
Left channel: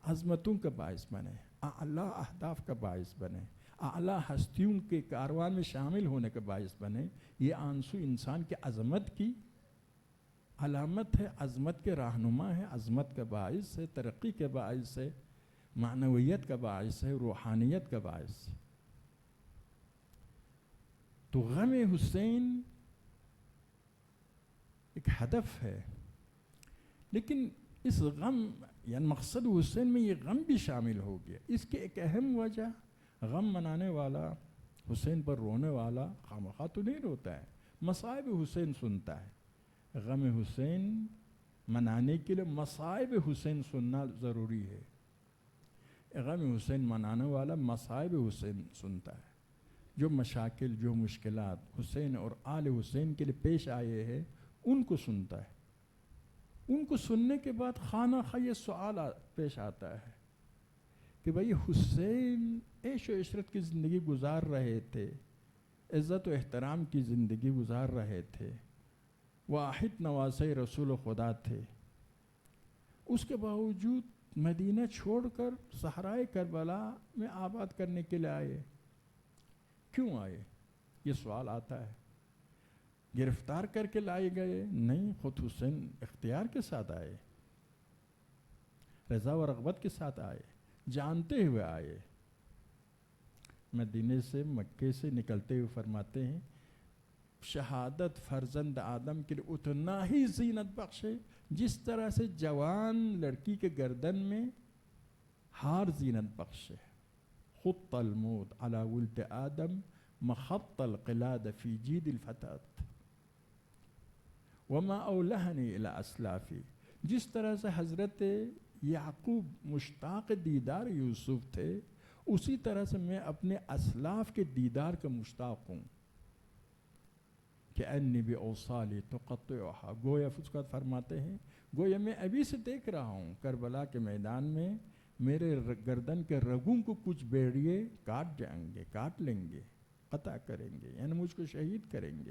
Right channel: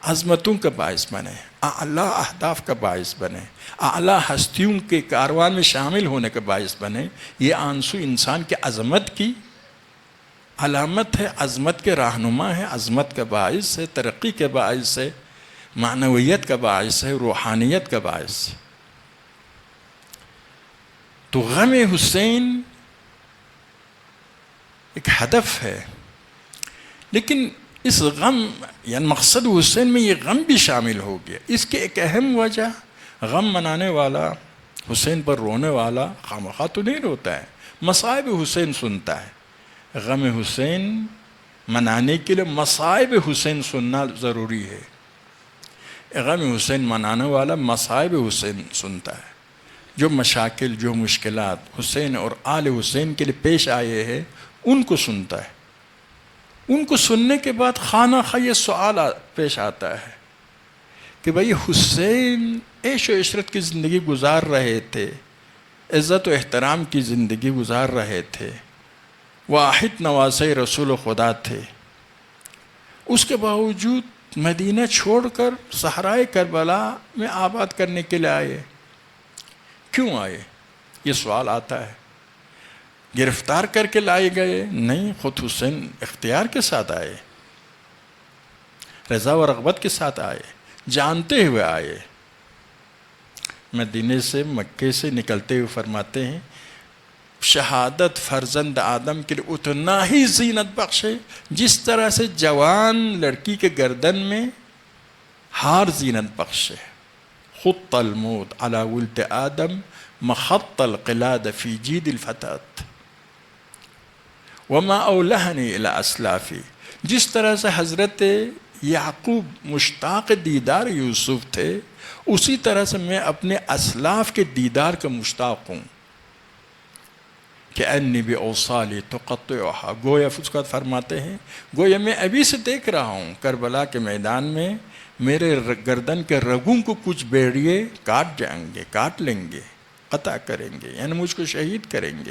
عظمتوں کا باعث بنے، اعلیٰ اہداف کا باعث بنے، اعلیٰ ہستیوں کے کاروان میں شامل ہونے کا باعث بنے، یہ آنسو انسان کے عظمت کی علامت ہے، عظمت کے رہنما ہے، عظمت کا باعث ہے، ترقی کے باعث ہے، معنویت کا باعث ہے، روحانیت کا باعث ہے۔ تو غم حسین ایک ہدف ہے، لیکن اس غم یعنی مقصد حسین میں یہ غم بھی شامل ہو گیا۔ اس کی ایک اہم وجہ، غم منانے والا، حسین پر رونے والا خامخواہ تو نہیں روتا ہے، مصائب حسین سنتا ہے۔ غم حسین منانے کے لیے مصائب حسین سننا ضروری ہے۔ غم حسین منانے والا مصائب حسین سنتا ہے، جو مشاکل، جو مشکلات حسین اور آل حسین کے لیے پیش آئے ہیں ان کو سنتا ہے۔ ان کو سننے کے بعد خانہ خواہ یہ سوال پیش آتا ہے کہ بھئی حسین عیش و عشرت کی زندگی گزار رہے تھے، عزت و احترام کی زندگی گزار رہے تھے، واحد نواسے رسول خدا تھے، اس کے باوجود مدینہ چھوڑ کر صحرائے کربلا میں آباد کرنے کے لیے آئے، کیوں آئے؟ یہ سوال آتا ہے۔ گرفتار کر کے لائے گئے؟ نہیں، خود حسین اختیار کے ساتھ آئے، رضا و رغبت کے ساتھ آئے، جانتے ہوئے آئے۔ مدینے سے، مکے سے نکلتے ہوئے فرماتے ہیں شہادت فرزند آدم کے لیے اتنا ہی زینت بخش ہے جس طرح سے جوان لڑکی کے گردن میں ہار زینت بخش ہے۔ خط الموت علی ولد آدم مخط القلاد فی جید الفتات وما اولہنی الی اسلافی، جس طرح سے حضرت یعقوب مشتاق دیدار یوسف تھے، اسی طرح سے میں اپنے اسلاف کے دیدار کا مشتاق ہوں۔ کہ انی باوصالی تقطعها، گویا فسقت فرماتے ہیں گویا میں ابھی سے دیکھ رہا ہوں کربلا کے میدان میں میرے گردن کے رگوں کو کچھ بیڑیے کاٹ جائیں گے، کاٹ لیں گے، قطع کریں گے، یعنی مجھ کو شہید کریں گے۔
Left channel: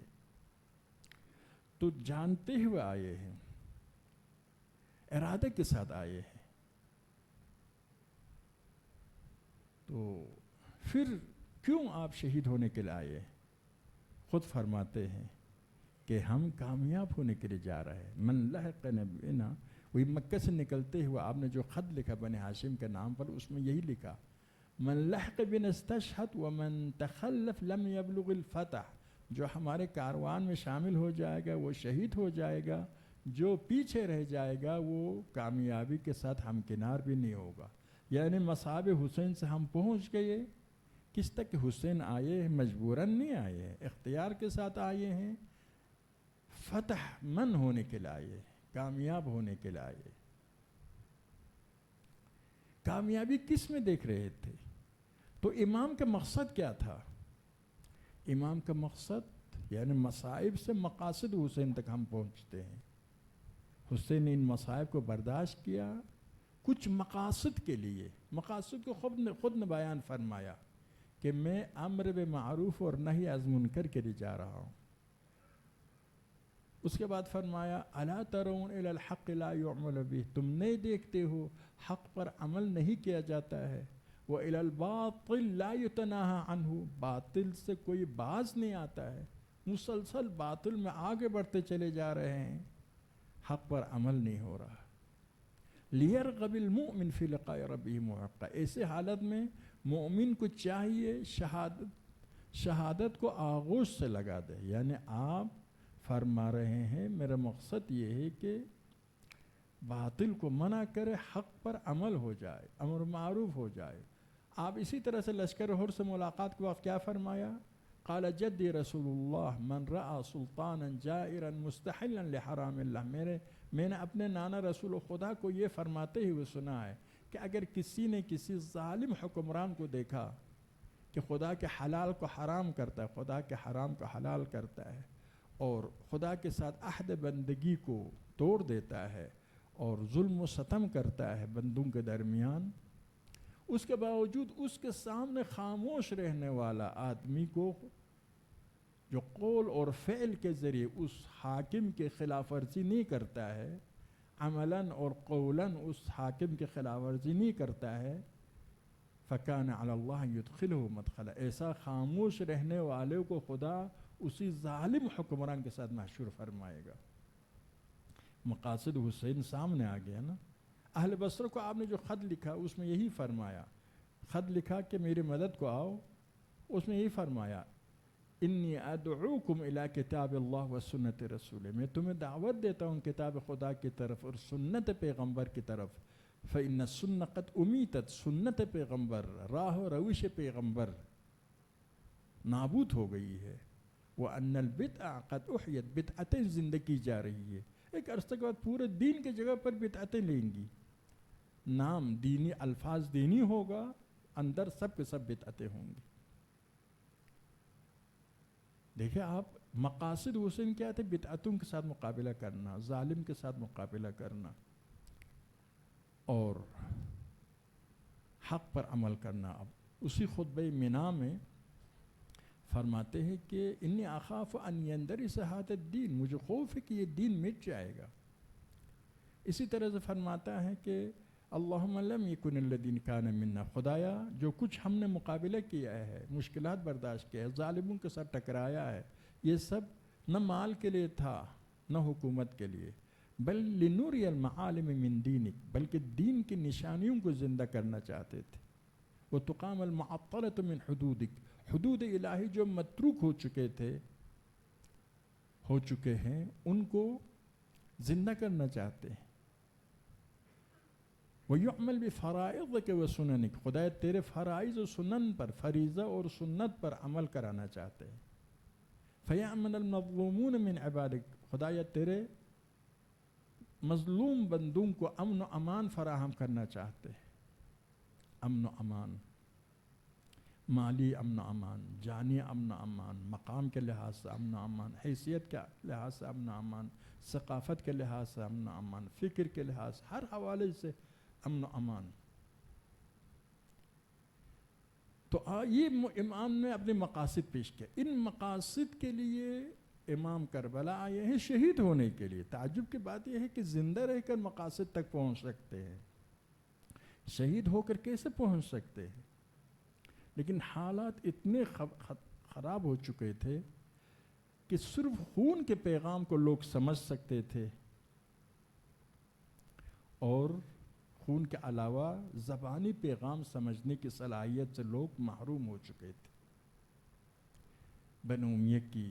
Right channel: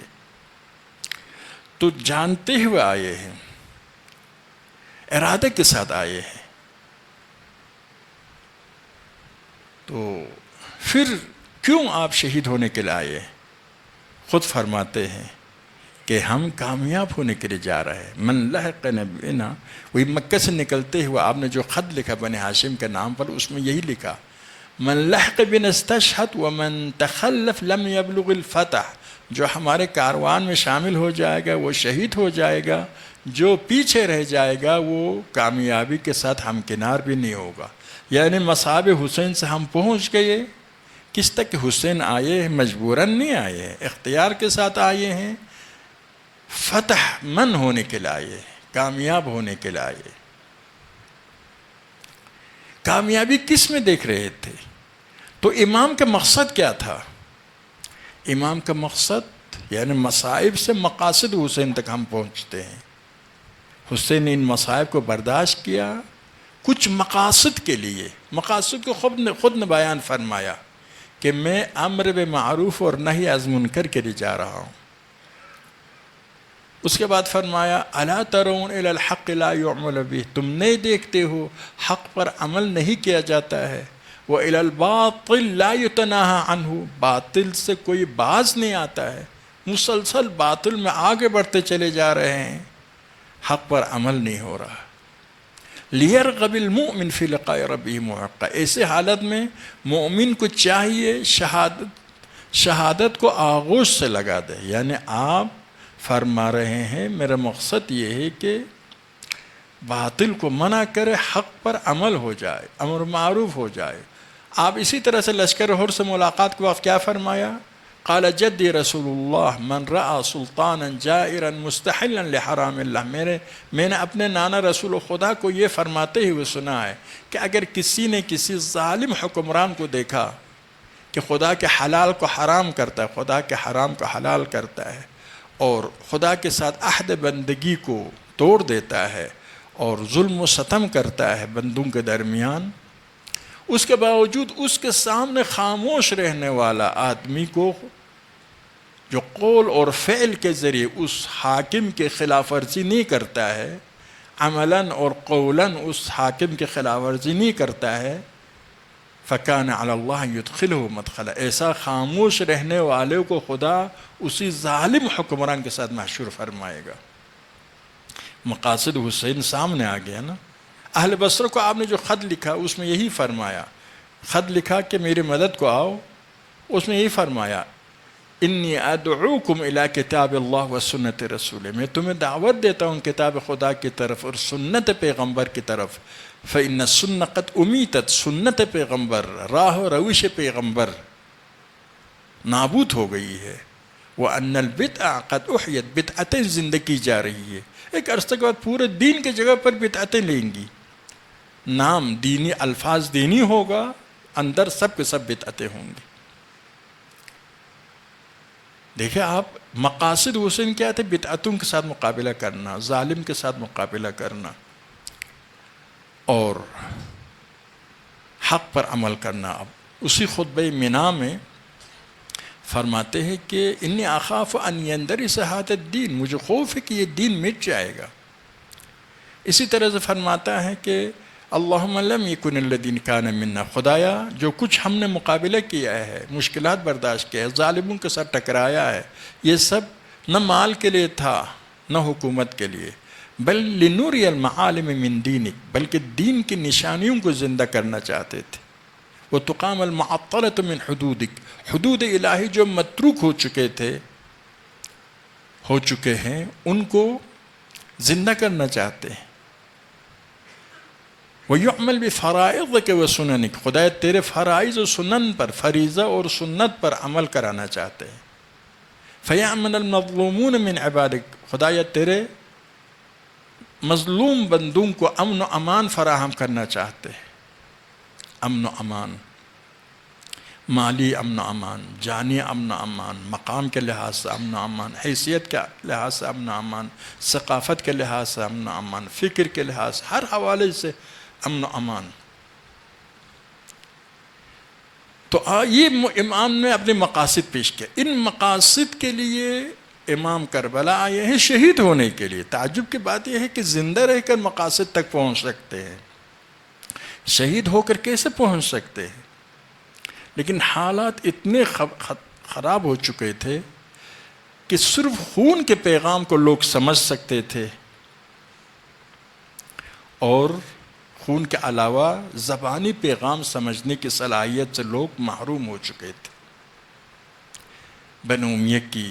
تو جانتے ہوئے آئے ہیں، ارادے کے ساتھ آئے ہیں۔ تو پھر کیوں آپ شہید ہونے کے لیے آئے ہیں؟ خود فرماتے ہیں کہ ہم کامیاب ہونے کے لیے جا رہے ہیں۔ من لحق نبینا، وہی مکہ سے نکلتے ہوئے آپ نے جو خط لکھا بنی ہاشم کے نام پر، اس میں یہی لکھا من لحق بنا استشہد ومن تخلف لم یبلغ الفتح، جو ہمارے کاروان میں شامل ہو جائے گا وہ شہید ہو جائے گا، جو پیچھے رہ جائے گا وہ کامیابی کے ساتھ ہمکنار بھی نہیں ہوگا۔ یعنی مصاب حسین سے ہم پہنچ گئے، کس تک حسین آئے ہیں، مجبوراً نہیں آئے ہیں، اختیار کے ساتھ آئے ہیں، فتح من ہونے کے لیے آئے، کامیاب ہونے کے لیے آئے۔ کامیابی کس میں دیکھ رہے تھے؟ تو امام کا مقصد کیا تھا؟ امام کا مقصد یعنی مصائب سے مقاصد حسین تک ہم پہنچتے ہیں۔ حسین نے ان مصائب کو برداشت کیا کچھ مقاصد کے لیے، مقاصد کو خود نے بیان فرمایا کہ میں امر بالمعروف اور نہی از منکر کے لیے جا رہا ہوں۔ اس کے بعد فرمایا الا ترون الی الحق لا یعمل به، تم نہیں دیکھتے ہو حق پر عمل نہیں کیا جاتا ہے، وَإِلَى الْبَاطِلِ لَا يُتَنَاهَا عَنْهُ، باطل سے کوئی باز نہیں آتا ہے، مسلسل باطل میں آگے بڑھتے چلے جا رہے ہیں، حق پر عمل نہیں ہو رہا۔ لِيَرْغَبِ الْمُؤْمِنُ فِي لِقَاءِ رَبِّهِ مُحَقًّا، ایسے حالت میں مومن کو چاہیے شہادت کو آغوش سے لگا دے۔ یعنی آپ فرما رہے ہیں میرا مقصد یہ ہے کہ باطل کو منع کرے، حق پر عمل ہو جائے، امر معروف ہو جائے۔ آپ اسی طرح سے لشکر حر سے ملاقات کے وقت کیا فرمایا؟ قال جدی رسول اللہ من رأى سلطانا جائرا مستحلا لحرام اللہ، میں نے اپنے نانا رسول خدا کو یہ فرماتے ہوئے سنا ہے کہ اگر کسی نے کسی ظالم حکمران کو دیکھا کہ خدا کے حلال کو حرام کرتا ہے، خدا کے حرام کو حلال کرتا ہے، اور خدا کے ساتھ عہد بندگی کو توڑ دیتا ہے اور ظلم و ستم کرتا ہے بندوں کے درمیان، اس کے باوجود اس کے سامنے خاموش رہنے والا آدمی کو جو قول اور فعل کے ذریعے اس حاکم کے خلاف ورزی نہیں کرتا ہے، عملاً اور قولاً اس حاکم کے خلاف ورزی نہیں کرتا ہے، فَكَانَ عَلَى اللَّهِ يُدْخِلُهُ مَدْخَلًا، ایسا خاموش رہنے والے کو خدا اسی ظالم حکمران کے ساتھ محشور فرمائے گا۔ مقاصد حسین سامنے آ گیا نا۔ اہل بصرہ کو آپ نے جو خط لکھا اس میں یہی فرمایا، خط لکھا کہ میری مدد کو آؤ، اس میں یہی فرمایا انی ادعوکم الی کتاب اللہ و سنت رسول، میں تمہیں دعوت دیتا ہوں کتاب خدا کی طرف اور سنت پیغمبر کی طرف، فإن السنة قد امیتت، سنت پیغمبر، راہ و روش پیغمبر نابود ہو گئی ہے، وأن البدع قد احیت، بدعتیں زندہ کی جا رہی ہے، ایک عرصے کے بعد پورے دین کی جگہ پر بدعتیں لیں گی، نام دینی، الفاظ دینی ہوگا، اندر سب کے سب بدعتیں ہوں گی۔ دیکھیں آپ، مقاصد حسین کیا تھے؟ بدعتوں کے ساتھ مقابلہ کرنا، ظالم کے ساتھ مقابلہ کرنا اور حق پر عمل کرنا۔ اب اسی خطبہ منا میں فرماتے ہیں کہ انی اخاف ان یندرس ھذا الدین، مجھے خوف ہے کہ یہ دین مٹ جائے گا۔ اسی طرح سے فرماتا ہے کہ اللہم لم یکن الذین کان منا، خدایا جو کچھ ہم نے مقابلہ کیا ہے، مشکلات برداشت کیا ہے، ظالموں کے ساتھ ٹکرایا ہے، یہ سب نہ مال کے لیے تھا نہ حکومت کے لیے، بل لنوری المعالم من دینک، بلکہ دین کی نشانیوں کو زندہ کرنا چاہتے تھے، وتقام المعطلۃ من حدودک، حدود الہی جو متروک ہو چکے ہیں ان کو زندہ کرنا چاہتے ہیں، وَيُعْمَلْ بِفَرَائِضِكَ وَسُنَنِكَ، خدا تیرے فرائض و سنن پر، فریضہ اور سنت پر عمل کرانا چاہتے ہیں، فَيَعْمَنَ الْمَظْلُومُونَ مِنْ عِبَادِكَ، خدایا تیرے مظلوم بندوں کو امن و امان فراہم کرنا چاہتے ہیں، امن و امان، مالی امن و امان، جانی امن و امان، مقام کے لحاظ سے امن و امان، حیثیت کے لحاظ سے امن و امان، ثقافت کے لحاظ سے امن و امان، فکر کے لحاظ سے، ہر حوالے سے امن و امان۔ تو یہ امام نے اپنے مقاصد پیش کیا، ان مقاصد کے لیے امام کربلا آئے ہیں شہید ہونے کے لیے۔ تعجب کی بات یہ ہے کہ زندہ رہ کر مقاصد تک پہنچ سکتے ہیں، شہید ہو کر کیسے پہنچ سکتے ہیں؟ لیکن حالات اتنے خراب ہو چکے تھے کہ صرف خون کے پیغام کو لوگ سمجھ سکتے تھے، اور خون کے علاوہ زبانی پیغام سمجھنے کی صلاحیت سے لوگ محروم ہو چکے تھے۔ بنو امیہ کی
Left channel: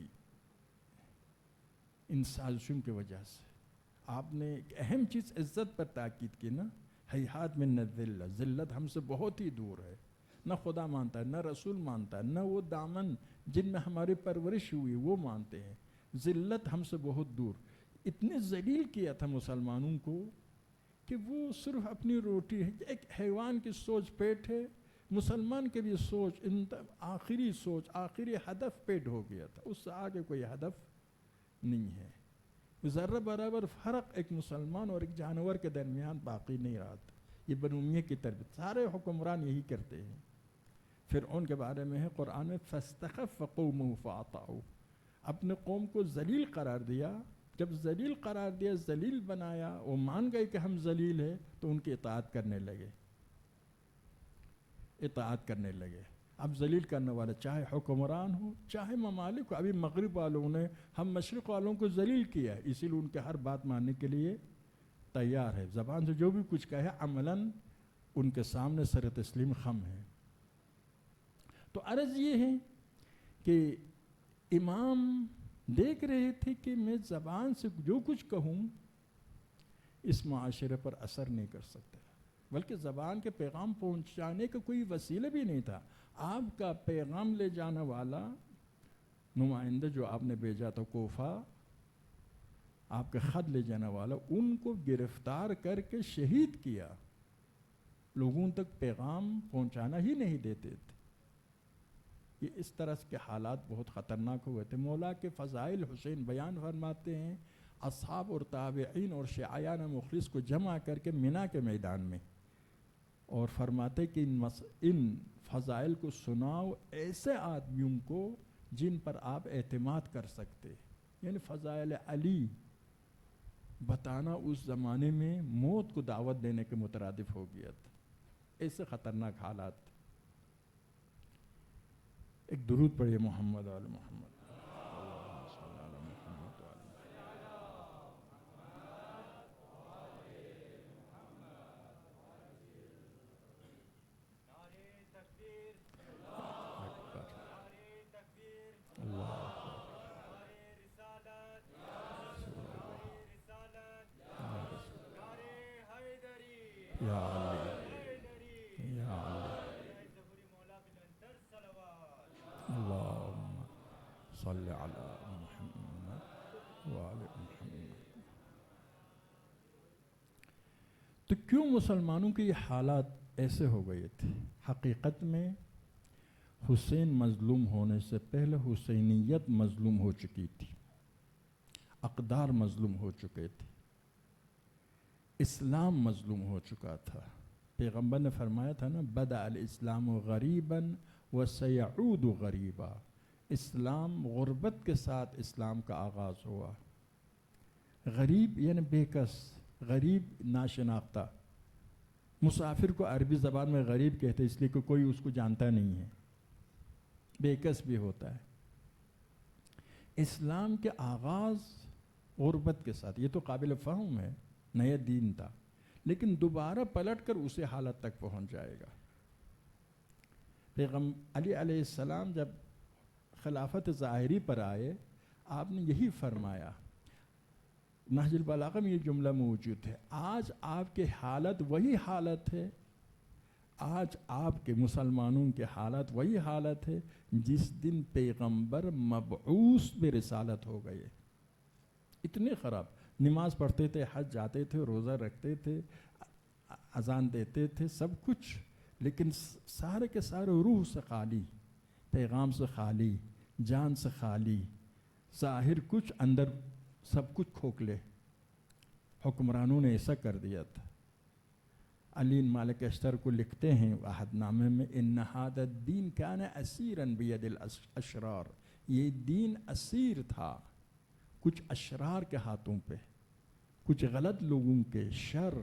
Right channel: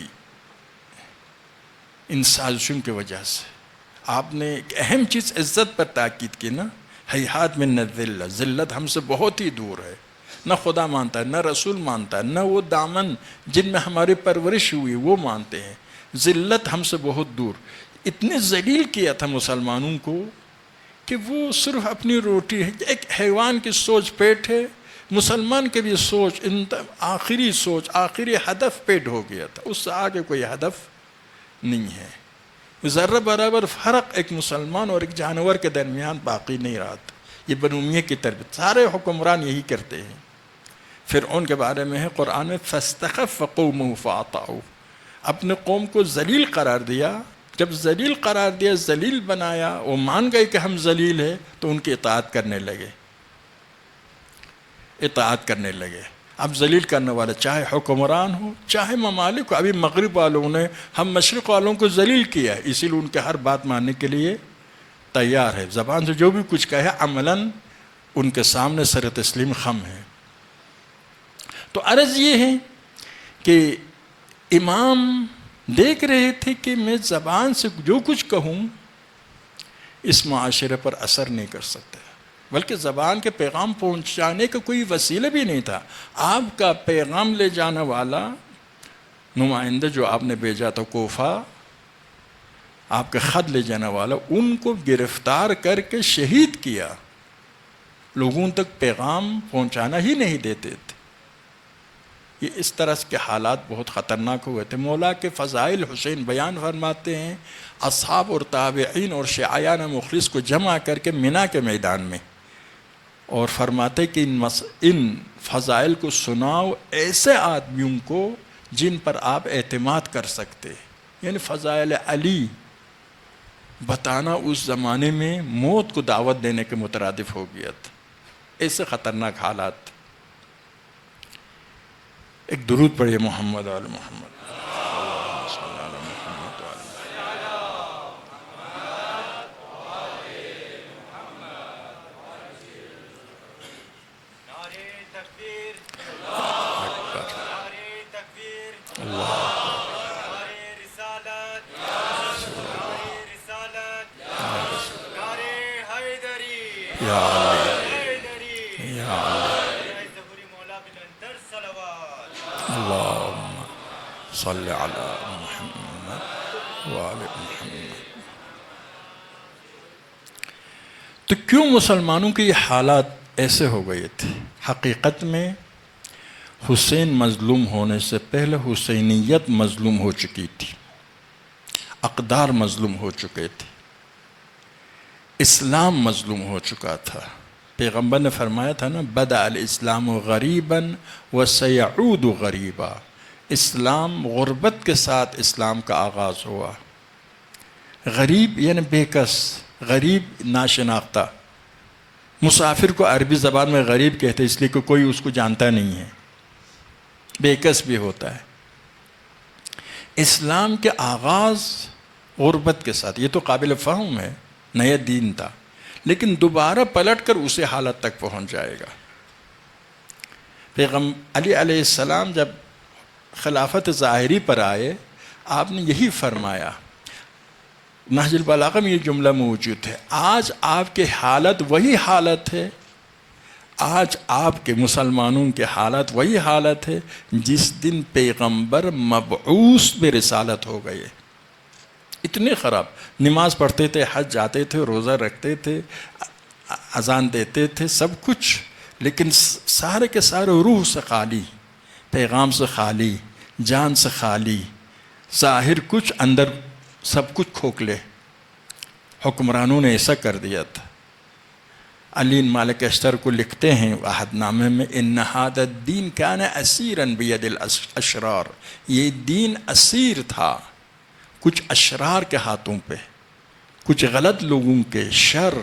ان سازشوں کی وجہ سے آپ نے ایک اہم چیز عزت پر تاکید کی نا، ہیہات من الذلہ، ذلت ہم سے بہت ہی دور ہے، نہ خدا مانتا ہے، نہ رسول مانتا ہے، نہ وہ دامن جن میں ہماری پرورش ہوئی وہ مانتے ہیں، ذلت ہم سے بہت دور۔ اتنے ذلیل کیا تھا مسلمانوں کو کہ وہ صرف اپنی روٹی، ایک حیوان کی سوچ پیٹ ہے، مسلمان کے بھی سوچ آخری سوچ، آخری ہدف پیٹ ہو گیا تھا، اس سے آگے کوئی ہدف نہیں ہے۔ ذرہ برابر فرق ایک مسلمان اور ایک جانور کے درمیان باقی نہیں رہا تھا۔ یہ بنو امیہ کی تربیت، سارے حکمران یہی کرتے ہیں۔ فرعون کے بارے میں ہے قرآن میں فاستخف قومہ فاطاعوہ، اپنے قوم کو ذلیل قرار دیا، جب ذلیل قرار دیا، ذلیل بنایا، وہ مان گئے کہ ہم ذلیل ہیں تو ان کی اطاعت کرنے لگے۔ اب ذلیل کرنے والا چاہے حکمران ہو چاہے ممالک ہو، ابھی مغرب والوں نے ہم مشرق والوں کو ذلیل کیا ہے، اسی لیے ان کے ہر بات ماننے کے لیے تیار ہے، زبان سے جو بھی کچھ کہے عملاً ان کے سامنے سر تسلیم خم ہے۔ تو عرض یہ ہے کہ امام دیکھ رہے تھے کہ میں زبان سے جو کچھ کہوں اس معاشرے پر اثر نہیں کر سکتا، بلکہ زبان کے پیغام پہنچانے کا کوئی وسیلہ بھی نہیں تھا۔ آپ کا پیغام لے جانے والا نمائندہ جو آپ نے بھیجا تھا کوفہ، آپ کا خط لے جانے والا، ان کو گرفتار کر کے شہید کیا، لوگوں تک پیغام پہنچانا ہی نہیں دیتے تھے۔ یہ اس طرح کے حالات بہت خطرناک ہوئے تھے۔ مولا کے فضائل حسین بیان فرماتے ہیں، اصحاب اور تابعین اور شیعیان مخلص کو جمع کر کے منا کے میدان میں اور فرماتے کہ ان فضائل کو سناؤ ایسے آدمیوں کو جن پر آپ اعتماد کر سکتے. یعنی فضائل علی بتانا اس زمانے میں موت کو دعوت دینے کے مترادف ہو گیا تھا. ایسے خطرناک حالات. ایک درود پڑھیے محمد آل محمد. یا علی یا علی اللہم صلی علی محمد وآل محمد. تو کیوں مسلمانوں کے یہ حالات ایسے ہو گئے تھے؟ حقیقت میں حسین مظلوم ہونے سے پہلے حسینیت مظلوم ہو چکی تھی، اقدار مظلوم ہو چکے تھے، اسلام مظلوم ہو چکا تھا. پیغمبر نے فرمایا تھا نا، بدأ الاسلام غریبا وسیعود غریبا. اسلام غربت کے ساتھ اسلام کا آغاز ہوا. غریب یعنی بے کس، غریب ناشناختہ. مسافر کو عربی زبان میں غریب کہتے ہیں اس لیے کہ کوئی اس کو جانتا نہیں ہے، بے کس بھی ہوتا ہے. اسلام کے آغاز غربت کے ساتھ، یہ تو قابل فہم ہے، نیا دین تھا، لیکن دوبارہ پلٹ کر اسی حالت تک پہنچ جائے گا. علی علیہ السلام جب خلافت ظاہری پر آئے، آپ نے یہی فرمایا، نہج البلاغہ میں یہ جملہ موجود ہے، آج آپ کے حالت وہی حالت ہے، آج آپ کے مسلمانوں کے حالت وہی حالت ہے جس دن پیغمبر مبعوث بے رسالت ہو گئے. اتنے خراب. نماز پڑھتے تھے، حج جاتے تھے، روزہ رکھتے تھے، اذان دیتے تھے، سب کچھ، لیکن سارے کے سارے روح سے خالی، پیغام سے خالی، جان سے خالی، ظاہر کچھ اندر سب کچھ کھوکھلے. حکمرانوں نے ایسا کر دیا تھا. علی مالک اشتر کو لکھتے ہیں عہد نامے میں، ان ھذا الدین کان اسیرا بید الاشرار. یہ دین اسیر تھا کچھ اشرار کے ہاتھوں پہ، کچھ غلط لوگوں کے، شر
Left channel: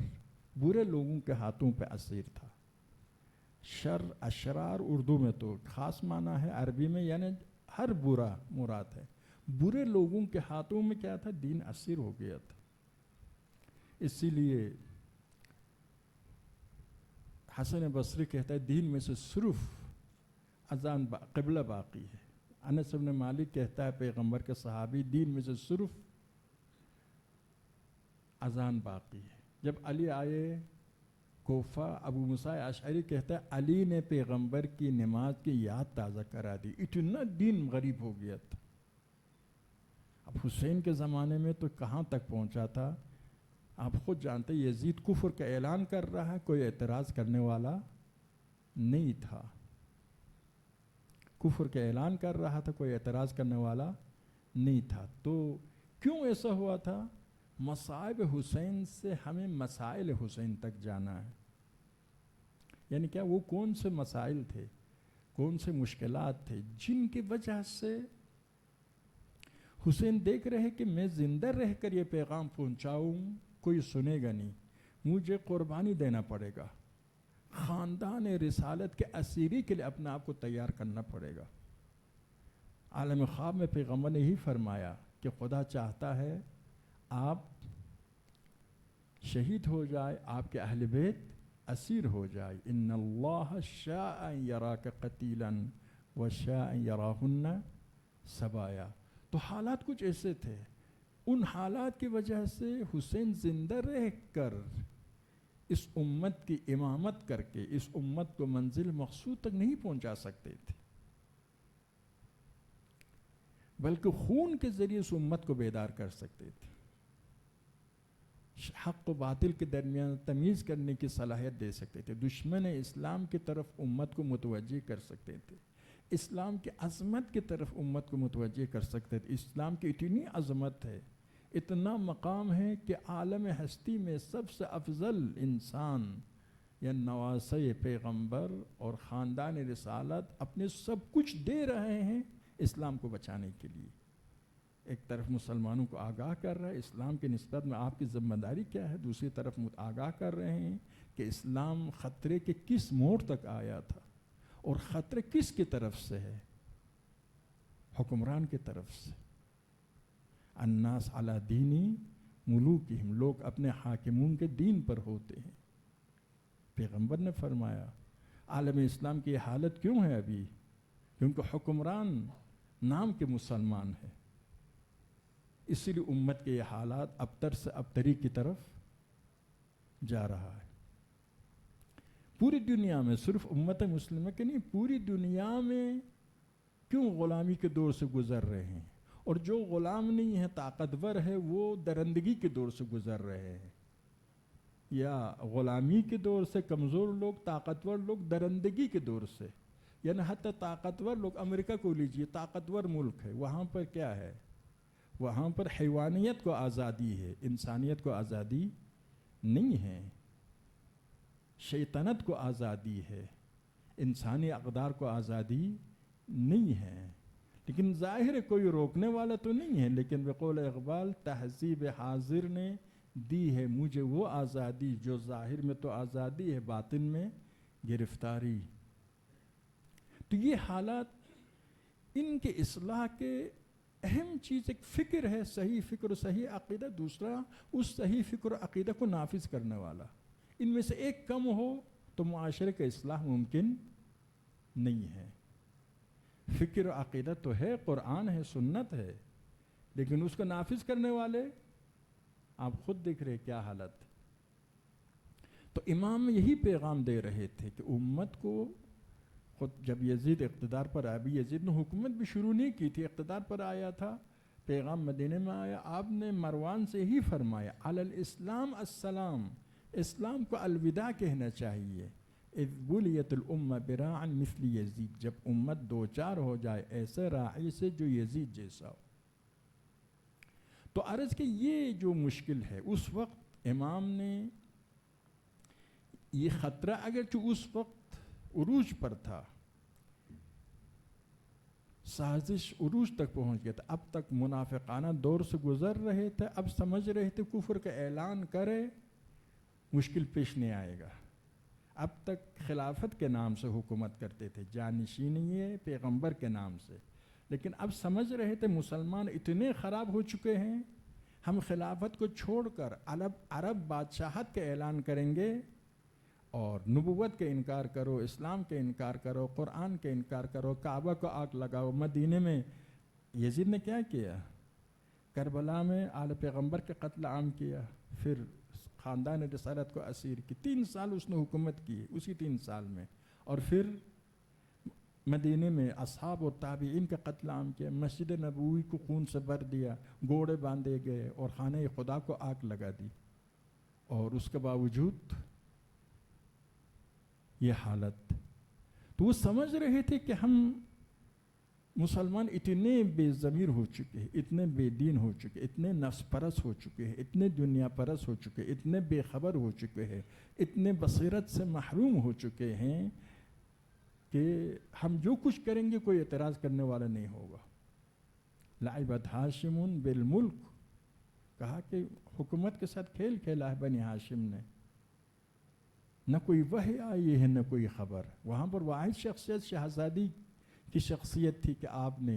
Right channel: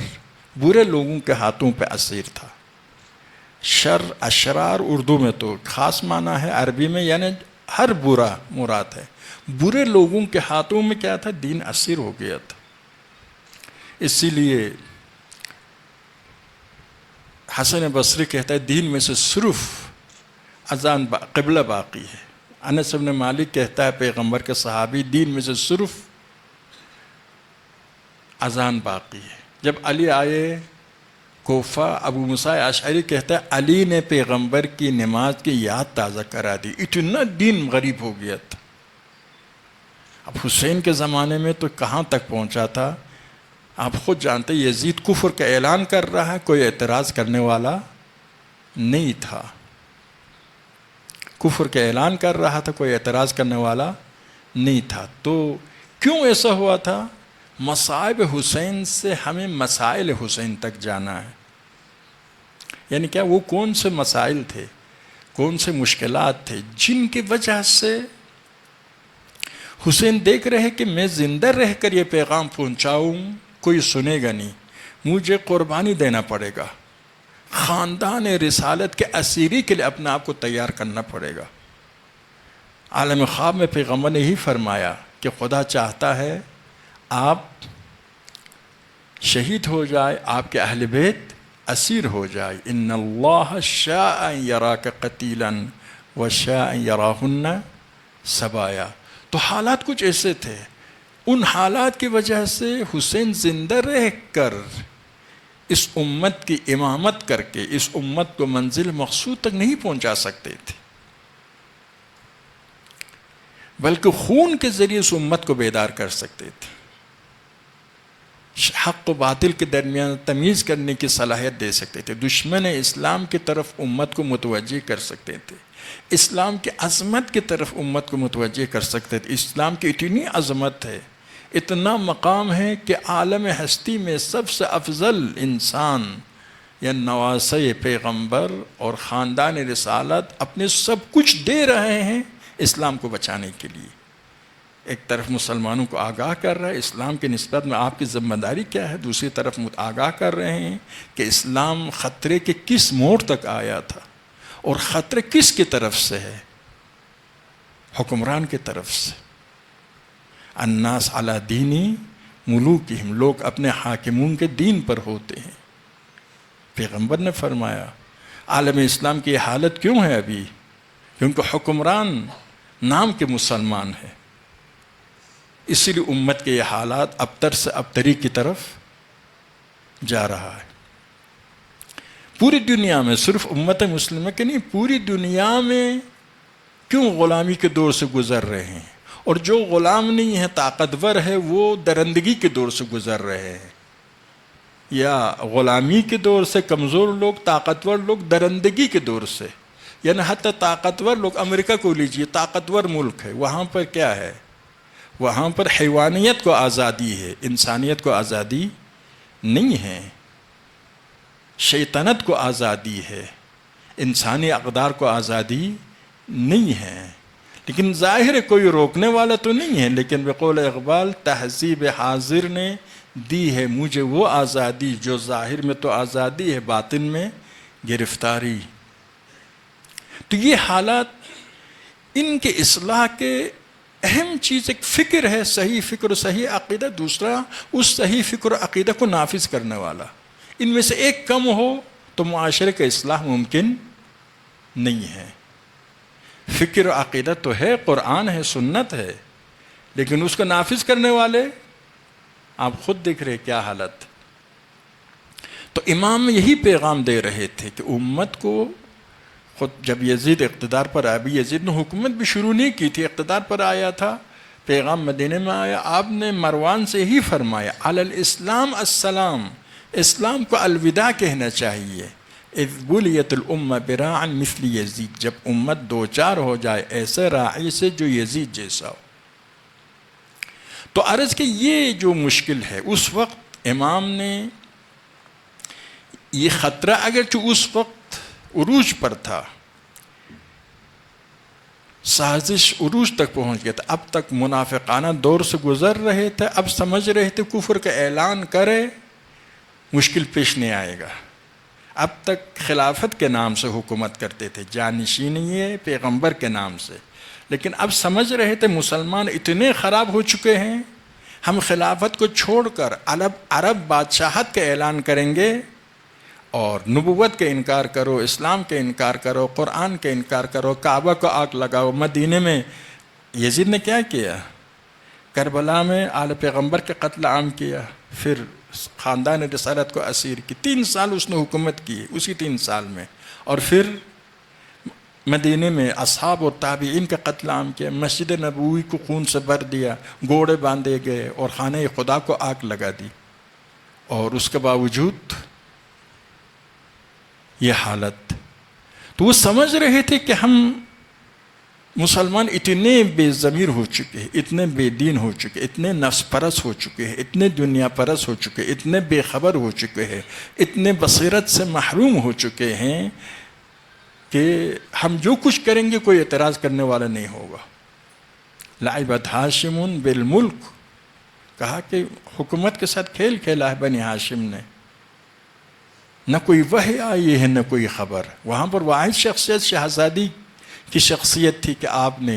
برے لوگوں کے ہاتھوں پہ اسیر تھا. شر اشرار اردو میں تو خاص معنی ہے، عربی میں یعنی ہر برا مراد ہے. برے لوگوں کے ہاتھوں میں کیا تھا؟ دین اسیر ہو گیا تھا. اسی لیے حسن بصری کہتا ہے دین میں سے صرف اذان قبلہ باقی ہے. انس بن مالک کہتا ہے پیغمبر کے صحابی، دین میں سے صرف اذان باقی ہے. جب علی آئے کوفہ، ابو موسیٰ اشعری کہتا ہے علی نے پیغمبر کی نماز کی یاد تازہ کرا دی. اتنا دین غریب ہو گیا تھا. اب حسین کے زمانے میں تو کہاں تک پہنچا تھا آپ خود جانتے. یزید کفر کا اعلان کر رہا ہے، کوئی اعتراض کرنے والا نہیں تھا. کفر کا اعلان کر رہا تھا، کوئی اعتراض کرنے والا نہیں تھا. تو کیوں ایسا ہوا تھا؟ مصائب حسین سے ہمیں مسائل حسین تک جانا ہے. یعنی کیا وہ کون سے مسائل تھے، کون سے مشکلات تھے جن کی وجہ سے حسین دیکھ رہے کہ میں زندہ رہ کر یہ پیغام پہنچاؤں کوئی سنے گا نہیں، مجھے قربانی دینا پڑے گا، خاندان رسالت کے اسیری کے لیے اپنے آپ کو تیار کرنا پڑے گا. عالم خواب میں پیغمبر نے ہی فرمایا کہ خدا چاہتا ہے آپ شہید ہو جائے، آپ کے اہل بیت اسیر ہو جائے. ان اللہ شاء ان یراک قتیلا وشاء ان یراہن سبایا. تو حالات کچھ ایسے تھے، ان حالات کی وجہ سے حسین زندہ رہ کر اس امت کی امامت کر کے اس امت کو منزل مقصود تک نہیں پہنچا سکتے تھے، بلکہ خون کے ذریعے اس امت کو بیدار کر سکتے تھے، حق و باطل کے درمیان تمیز کرنے کی صلاحیت دے سکتے تھے، دشمن اسلام کی طرف امت کو متوجہ کر سکتے تھے، اسلام کی عظمت کی طرف امت کو متوجہ کر سکتے تھے. اسلام کی اتنی عظمت ہے، اتنا مقام ہے کہ عالم ہستی میں سب سے افضل انسان یا نواسۂ پیغمبر اور خاندان رسالت اپنے سب کچھ دے رہے ہیں اسلام کو بچانے کے لیے. ایک طرف مسلمانوں کو آگاہ کر رہا ہے اسلام کے نسبت میں آپ کی ذمہ داری کیا ہے، دوسری طرف آگاہ کر رہے ہیں کہ اسلام خطرے کے کس موڑ تک آیا تھا اور خطرے کس کی طرف سے ہے، حکمران کی طرف سے. الناس علی دینی ملوکہم، لوگ اپنے حاکمون کے دین پر ہوتے ہیں. پیغمبر نے فرمایا عالم اسلام کی یہ حالت کیوں ہے ابھی؟ کیونکہ حکمران نام کے مسلمان ہے، اسی لیے امت کے یہ حالات ابتر سے ابتری کی طرف جا رہا ہے. پوری دنیا میں، صرف امت مسلمہ کے نہیں، پوری دنیا میں کیوں غلامی کے دور سے گزر رہے ہیں، اور جو غلام نہیں ہے طاقتور ہے وہ درندگی کے دور سے گزر رہے ہیں. یا غلامی کے دور سے کمزور لوگ، طاقتور لوگ درندگی کے دور سے. یعنی حتی طاقتور لوگ، امریکہ کو لیجئے، طاقتور ملک ہے، وہاں پر کیا ہے؟ وہاں پر حیوانیت کو آزادی ہے، انسانیت کو آزادی نہیں ہے. شیطنت کو آزادی ہے، انسانی اقدار کو آزادی نہیں ہے. لیکن ظاہر کوئی روکنے والا تو نہیں ہے. لیکن بقول اقبال، تہذیب حاضر نے دی ہے مجھے وہ آزادی، جو ظاہر میں تو آزادی ہے باطن میں گرفتاری. تو یہ حالات، ان کے اصلاح کے اہم چیز ایک فکر ہے، صحیح فکر و صحیح عقیدہ. دوسرا اس صحیح فکر و عقیدہ کو نافذ کرنے والا. ان میں سے ایک کم ہو تو معاشرے کا اصلاح ممکن نہیں ہے. فکر و عقیدہ تو ہے، قرآن ہے، سنت ہے، لیکن اس کو نافذ کرنے والے آپ خود دیکھ رہے کیا حالت. تو امام یہی پیغام دے رہے تھے کہ امت کو، خود جب یزید اقتدار پر آیا، ابھی یزید نے حکومت بھی شروع نہیں کی تھی، اقتدار پر آیا تھا، پیغام مدینے میں آیا، آپ نے مروان سے ہی فرمایا علی الاسلام السلام، اسلام کو الوداع کہنا چاہیے. اذ بلیت الامہ براعا مثل یزید، جب امت دوچار ہو جائے ایسے راعی سے جو یزید جیسا ہو. تو عرض کہ یہ جو مشکل ہے، اس وقت امام نے یہ خطرہ، اگرچہ اس وقت عروج پر تھا، سازش عروج تک پہنچ گیا تھا، اب تک منافقانہ دور سے گزر رہے تھے، اب سمجھ رہے تھے کفر کا اعلان کرے مشکل پیش نہیں آئے گا. اب تک خلافت کے نام سے حکومت کرتے تھے، جانشینی پیغمبر کے نام سے، لیکن اب سمجھ رہے تھے مسلمان اتنے خراب ہو چکے ہیں، ہم خلافت کو چھوڑ کر عرب بادشاہت کا اعلان کریں گے، اور نبوت کا انکار کرو، اسلام کا انکار کرو، قرآن کا انکار کرو، کعبہ کو آگ لگاؤ. مدینے میں یزید نے کیا کیا؟ کربلا میں آل پیغمبر کے قتل عام کیا، پھر خاندان رسالت کو اسیر کی. 3 سال اس نے حکومت کی، اسی 3 سال میں. اور پھر مدینے میں اصحاب اور تابعین کا قتل عام کیا، مسجد نبوی کو خون سے بھر دیا، گھوڑے باندھے گئے اور خانہ خدا کو آگ لگا دی. اور اس کے باوجود یہ حالت. تو وہ سمجھ رہے تھے کہ ہم مسلمان اتنے بے ضمیر ہو چکے ہیں، اتنے بے دین ہو چکے، اتنے نفس پرست ہو چکے ہیں، اتنے دنیا پرست ہو چکے، اتنے بے خبر ہو چکے ہیں، اتنے بصیرت سے محروم ہو چکے ہیں کہ ہم جو کچھ کریں گے کوئی اعتراض کرنے والا نہیں ہوگا. لعبت ہاشم بالملک، کہا کہ حکومت کے ساتھ کھیل کھیلا ہے بنی ہاشم نے. نہ کوئی وحی آئی ہے، نہ کوئی خبر. وہاں پر واحد شخصیت شہزادی کی شخصیت تھی کہ آپ نے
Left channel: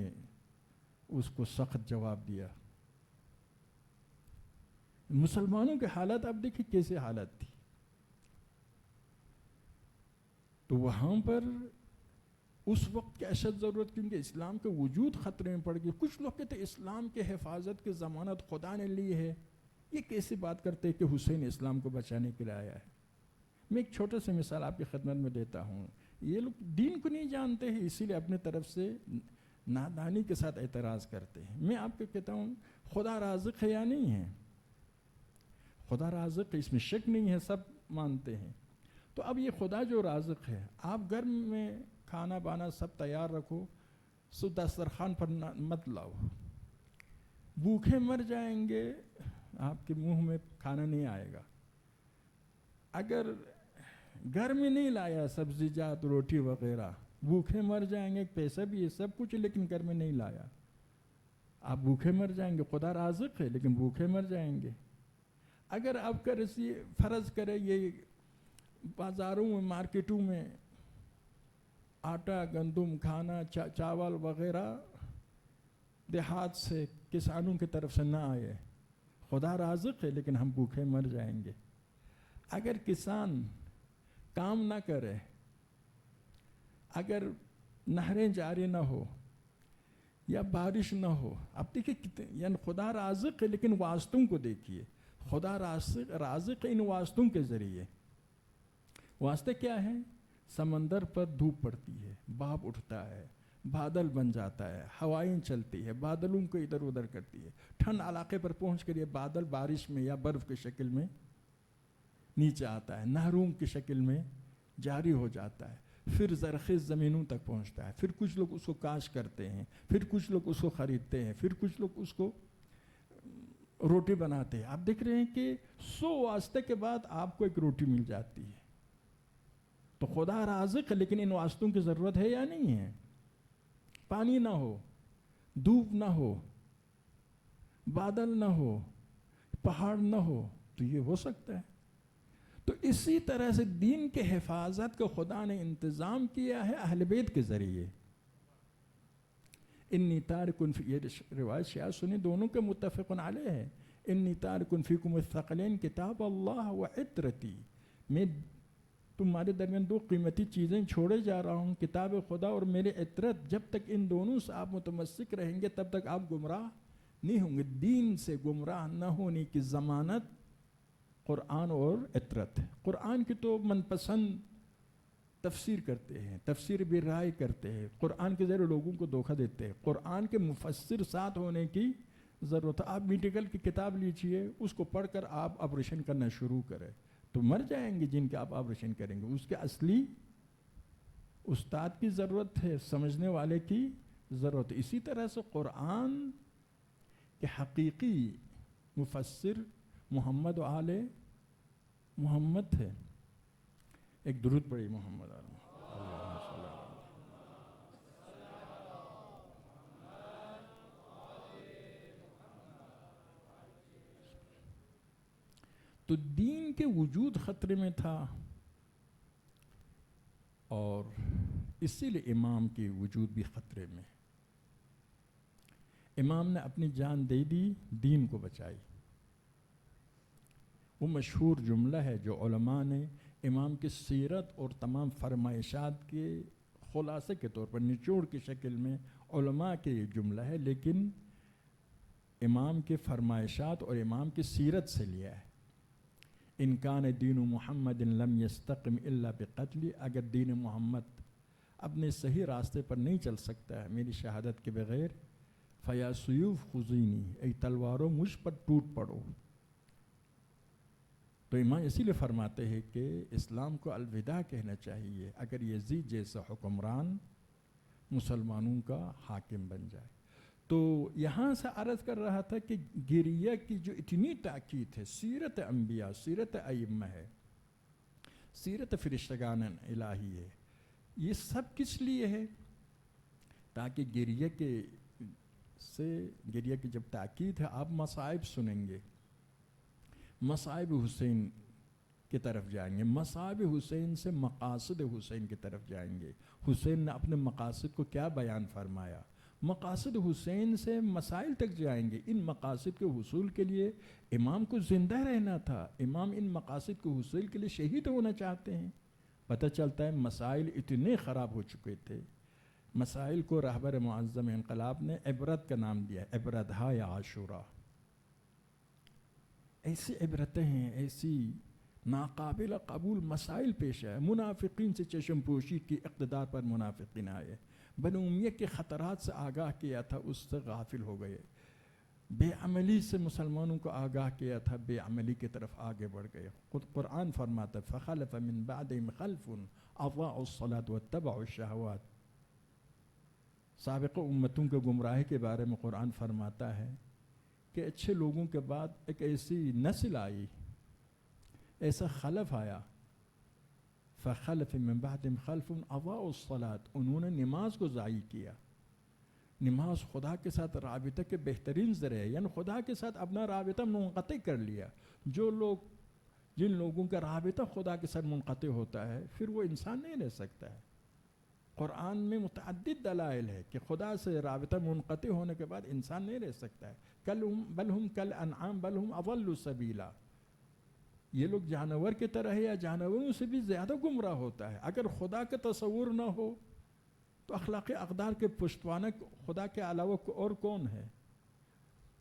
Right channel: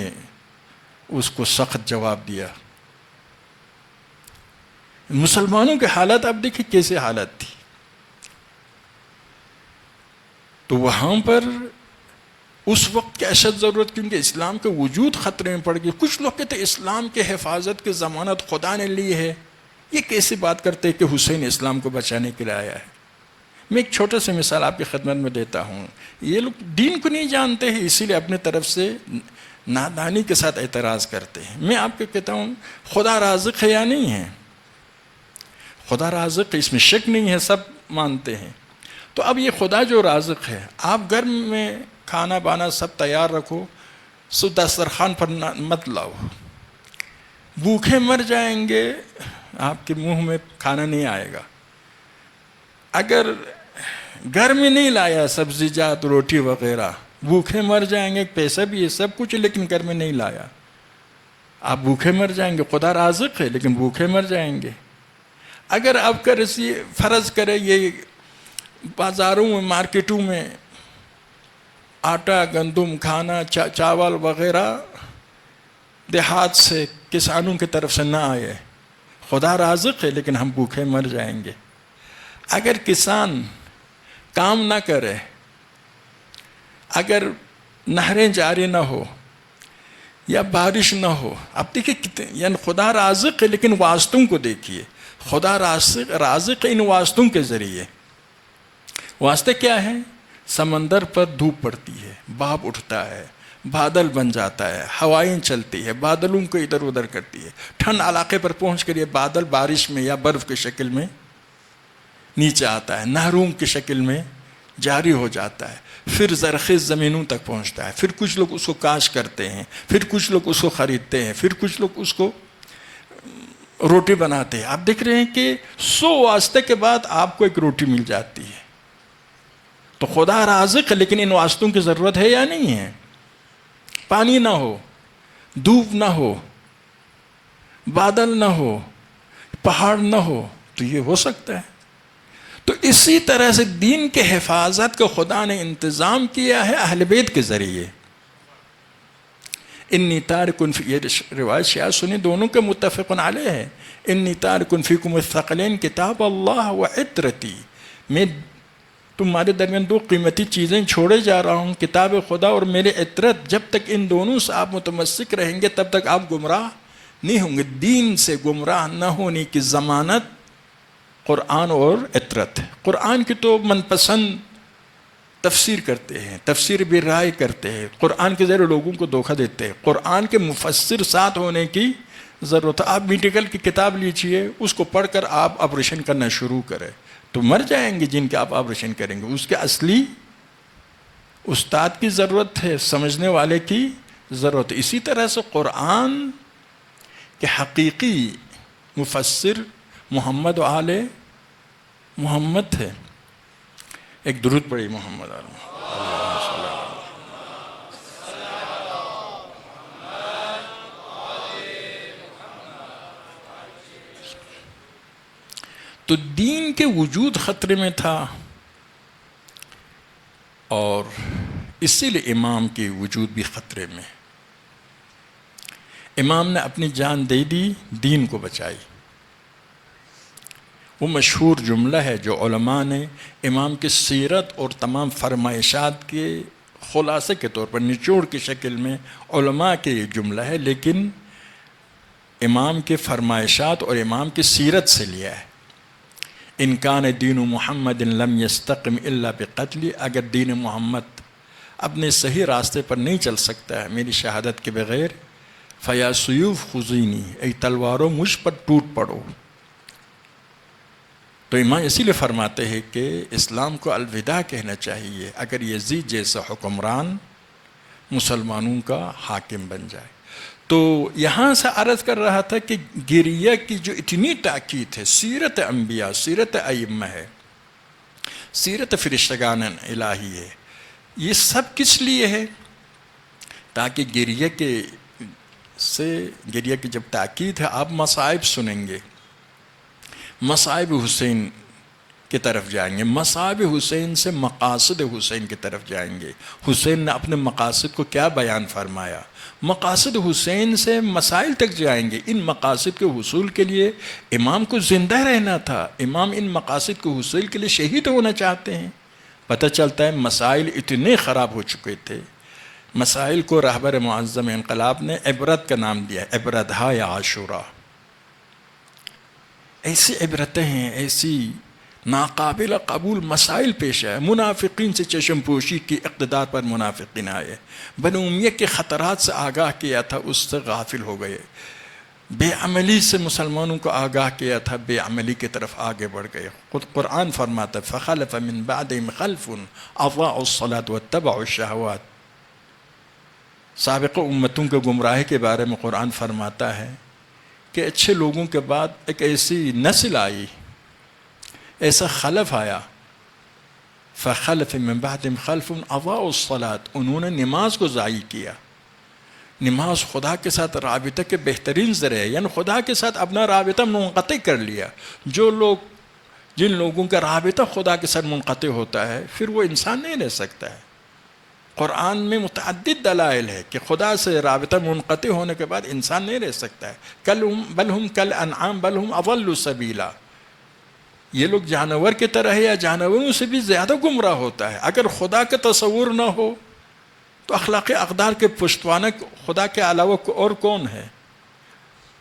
اس کو سخت جواب دیا. مسلمانوں کے حالت اب دیکھیں کیسے حالت تھی. تو وہاں پر اس وقت کی اشد ضرورت، کیونکہ اسلام کے وجود خطرے میں پڑ گئی. کچھ لوگ کہتے اسلام کے حفاظت کی ضمانت خدا نے لی ہے. یہ کیسی بات کرتے کہ حسین اسلام کو بچانے کے لیے آیا ہے؟ میں ایک چھوٹا سا مثال آپ کی خدمت میں دیتا ہوں. یہ لوگ دین کو نہیں جانتے ہیں، اسی لیے اپنے طرف سے نادانی کے ساتھ اعتراض کرتے ہیں. میں آپ کو کہتا ہوں خدا رازق ہے یا نہیں ہے؟ خدا رازق ہے، اس میں شک نہیں ہے، سب مانتے ہیں. تو اب یہ خدا جو رازق ہے، آپ گھر میں کھانا بانا سب تیار رکھو، سو دسترخوان پر مت لاؤ، بھوکے مر جائیں گے، آپ کے منہ میں کھانا نہیں آئے گا. اگر گھر میں نہیں لایا سبزی جات روٹی وغیرہ، بھوکے مر جائیں گے، پیسہ بھی ہے سب کچھ، لیکن گھر میں نہیں لایا، آپ بھوکے مر جائیں گے۔ خدا رازق ہے لیکن بھوکے مر جائیں گے۔ اگر آپ کا فرض کرے یہ بازاروں میں مارکیٹوں میں آٹا گندم کھانا چاول وغیرہ دیہات سے کسانوں کی طرف سے نہ آئے، خدا رازق ہے لیکن ہم بھوکے مر جائیں گے۔ اگر کسان کام نہ کرے، اگر نہریں جاری نہ ہو یا بارش نہ ہو، اب دیکھیں کتنے، یعنی خدا رازق ہے لیکن واسطوں کو دیکھیے، خدا رازق ہے ان واسطوں کے ذریعے۔ واسطے کیا ہیں؟ سمندر پر دھوپ پڑتی ہے، بھاپ اٹھتا ہے، بادل بن جاتا ہے، ہوائیں چلتی ہے، بادلوں کو ادھر ادھر کرتی ہے، ٹھنڈ علاقے پر پہنچ کر یہ بادل بارش میں یا برف کی شکل میں نیچے آتا ہے، نہروں کی شکل میں جاری ہو جاتا ہے، پھر زرخیز زمینوں تک پہنچتا ہے، پھر کچھ لوگ اس کو کاشت کرتے ہیں، پھر کچھ لوگ اس کو خریدتے ہیں، پھر کچھ لوگ اس کو روٹی بناتے ہیں۔ آپ دیکھ رہے ہیں کہ 100 واسطے کے بعد آپ کو ایک روٹی مل جاتی ہے۔ تو خدا رازق ہے لیکن ان واسطوں کی ضرورت ہے یا نہیں ہے؟ پانی نہ ہو، دھوپ نہ ہو، بادل نہ ہو، پہاڑ نہ ہو تو یہ ہو سکتا ہے۔ تو اسی طرح سے دین کے حفاظت کو خدا نے انتظام کیا ہے اہل بیت کے ذریعے۔ انی تارکن فی، یہ روایت شیعہ سنی دونوں کے متفق علیہ ہے، انی تارکن فیکم الثقلین کتاب اللہ و عطرتی، میں تمہارے درمیان 2 قیمتی چیزیں چھوڑے جا رہا ہوں، کتاب خدا اور میرے عطرت۔ جب تک ان دونوں سے آپ متمسک رہیں گے تب تک آپ گمراہ نہیں ہوں گے۔ دین سے گمراہ نہ ہونے کی ضمانت قرآن اور عطرت۔ قرآن کی تو من پسند تفسیر کرتے ہیں، تفسیر بھی رائے کرتے ہیں، قرآن کے ذریعے لوگوں کو دھوکہ دیتے ہیں۔ قرآن کے مفسر ساتھ ہونے کی ضرورت ہے۔ آپ میڈیکل کی کتاب لیجئے، اس کو پڑھ کر آپ آپریشن کرنا شروع کریں تو مر جائیں گے جن کے آپ آپریشن کریں گے۔ اس کے اصلی استاد کی ضرورت ہے، سمجھنے والے کی ضرورت ہے۔ اسی طرح سے قرآن کے حقیقی مفسر محمد و آل محمد ہے۔ ایک درود پڑھی محمد آل محمد۔ تو دین کے وجود خطرے میں تھا اور اسی لیے امام کے وجود بھی خطرے میں۔ امام نے اپنی جان دے دی، دین کو بچائی۔ وہ مشہور جملہ ہے جو علماء نے امام کی سیرت اور تمام فرمائشات کے خلاصے کے طور پر نچوڑ کی شکل میں علماء کے یہ جملہ ہے، لیکن امام کے فرمائشات اور امام کی سیرت سے لیا ہے۔ ان کان دین محمد لم یستقم الا بقتل، اگر دین محمد اپنے صحیح راستے پر نہیں چل سکتا ہے میری شہادت کے بغیر، فیا سیوف خزینی، ای تلواروں مجھ پر ٹوٹ پڑو۔ تو امام اسی لیے فرماتے ہیں کہ اسلام کو الوداع کہنا چاہیے اگر یزید جیسا حکمران مسلمانوں کا حاکم بن جائے۔ تو یہاں سے عرض کر رہا تھا کہ گریہ کی جو اتنی تاکید ہے، سیرت انبیاء، سیرت ائمہ ہے، سیرت فرشتگان الہی ہے، یہ سب کس لیے ہے؟ تاکہ گریہ کی جب تاکید ہے، آپ مصائب سنیں گے، مصائب حسین کی طرف جائیں گے، مصائب حسین سے مقاصد حسین کی طرف جائیں گے۔ حسین نے اپنے مقاصد کو کیا بیان فرمایا؟ مقاصد حسین سے مسائل تک جائیں گے۔ ان مقاصد کے حصول کے لیے امام کو زندہ رہنا تھا، امام ان مقاصد کے حصول کے لیے شہید ہونا چاہتے ہیں۔ پتہ چلتا ہے مسائل اتنے خراب ہو چکے تھے، مسائل کو رہبر معظم انقلاب نے عبرت کا نام دیا، عبرتہا یا عاشورہ۔ ایسی عبرتیں ہیں، ایسی ناقابل قبول مسائل پیش آئے، منافقین سے چشم پوشی کی، اقتدار پر منافقین آئے، بنو امیہ کے خطرات سے آگاہ کیا تھا، اس سے غافل ہو گئے، بے عملی سے مسلمانوں کو آگاہ کیا تھا، بے عملی کی طرف آگے بڑھ گئے۔ خود قرآن فرماتا ہے فَخَلَفَ مِن بَعْدِهِمْ خَلْفٌ أَضَاعُوا الصَّلَاةَ وَاتَّبَعُوا الشَّهَوَاتِ۔ سابق امتوں کے گمراہی کے بارے میں قرآن فرماتا ہے کہ اچھے لوگوں کے بعد ایک ایسی نسل آئی، ایسا خلف آیا فخلف من بعدهم خلف اضاعوا الصلاۃ، انہوں نے نماز کو ضائع کیا۔ نماز خدا کے ساتھ رابطہ کے بہترین ذریعہ ہے، یعنی خدا کے ساتھ اپنا رابطہ منقطع کر لیا۔ جن لوگوں کا رابطہ خدا کے ساتھ منقطع ہوتا ہے پھر وہ انسان نہیں رہ سکتا ہے۔ قرآن میں متعدد دلائل ہے کہ خدا سے رابطہ منقطع ہونے کے بعد انسان نہیں رہ سکتا ہے۔ بل ہم کل انعام بل ہم اضل سبیلا، یہ لوگ جانور کی طرح ہے یا جانوروں سے بھی زیادہ گمراہ ہوتا ہے۔ اگر خدا کا تصور نہ ہو تو اخلاقی اقدار کے پشتوانہ خدا کے علاوہ اور کون ہے؟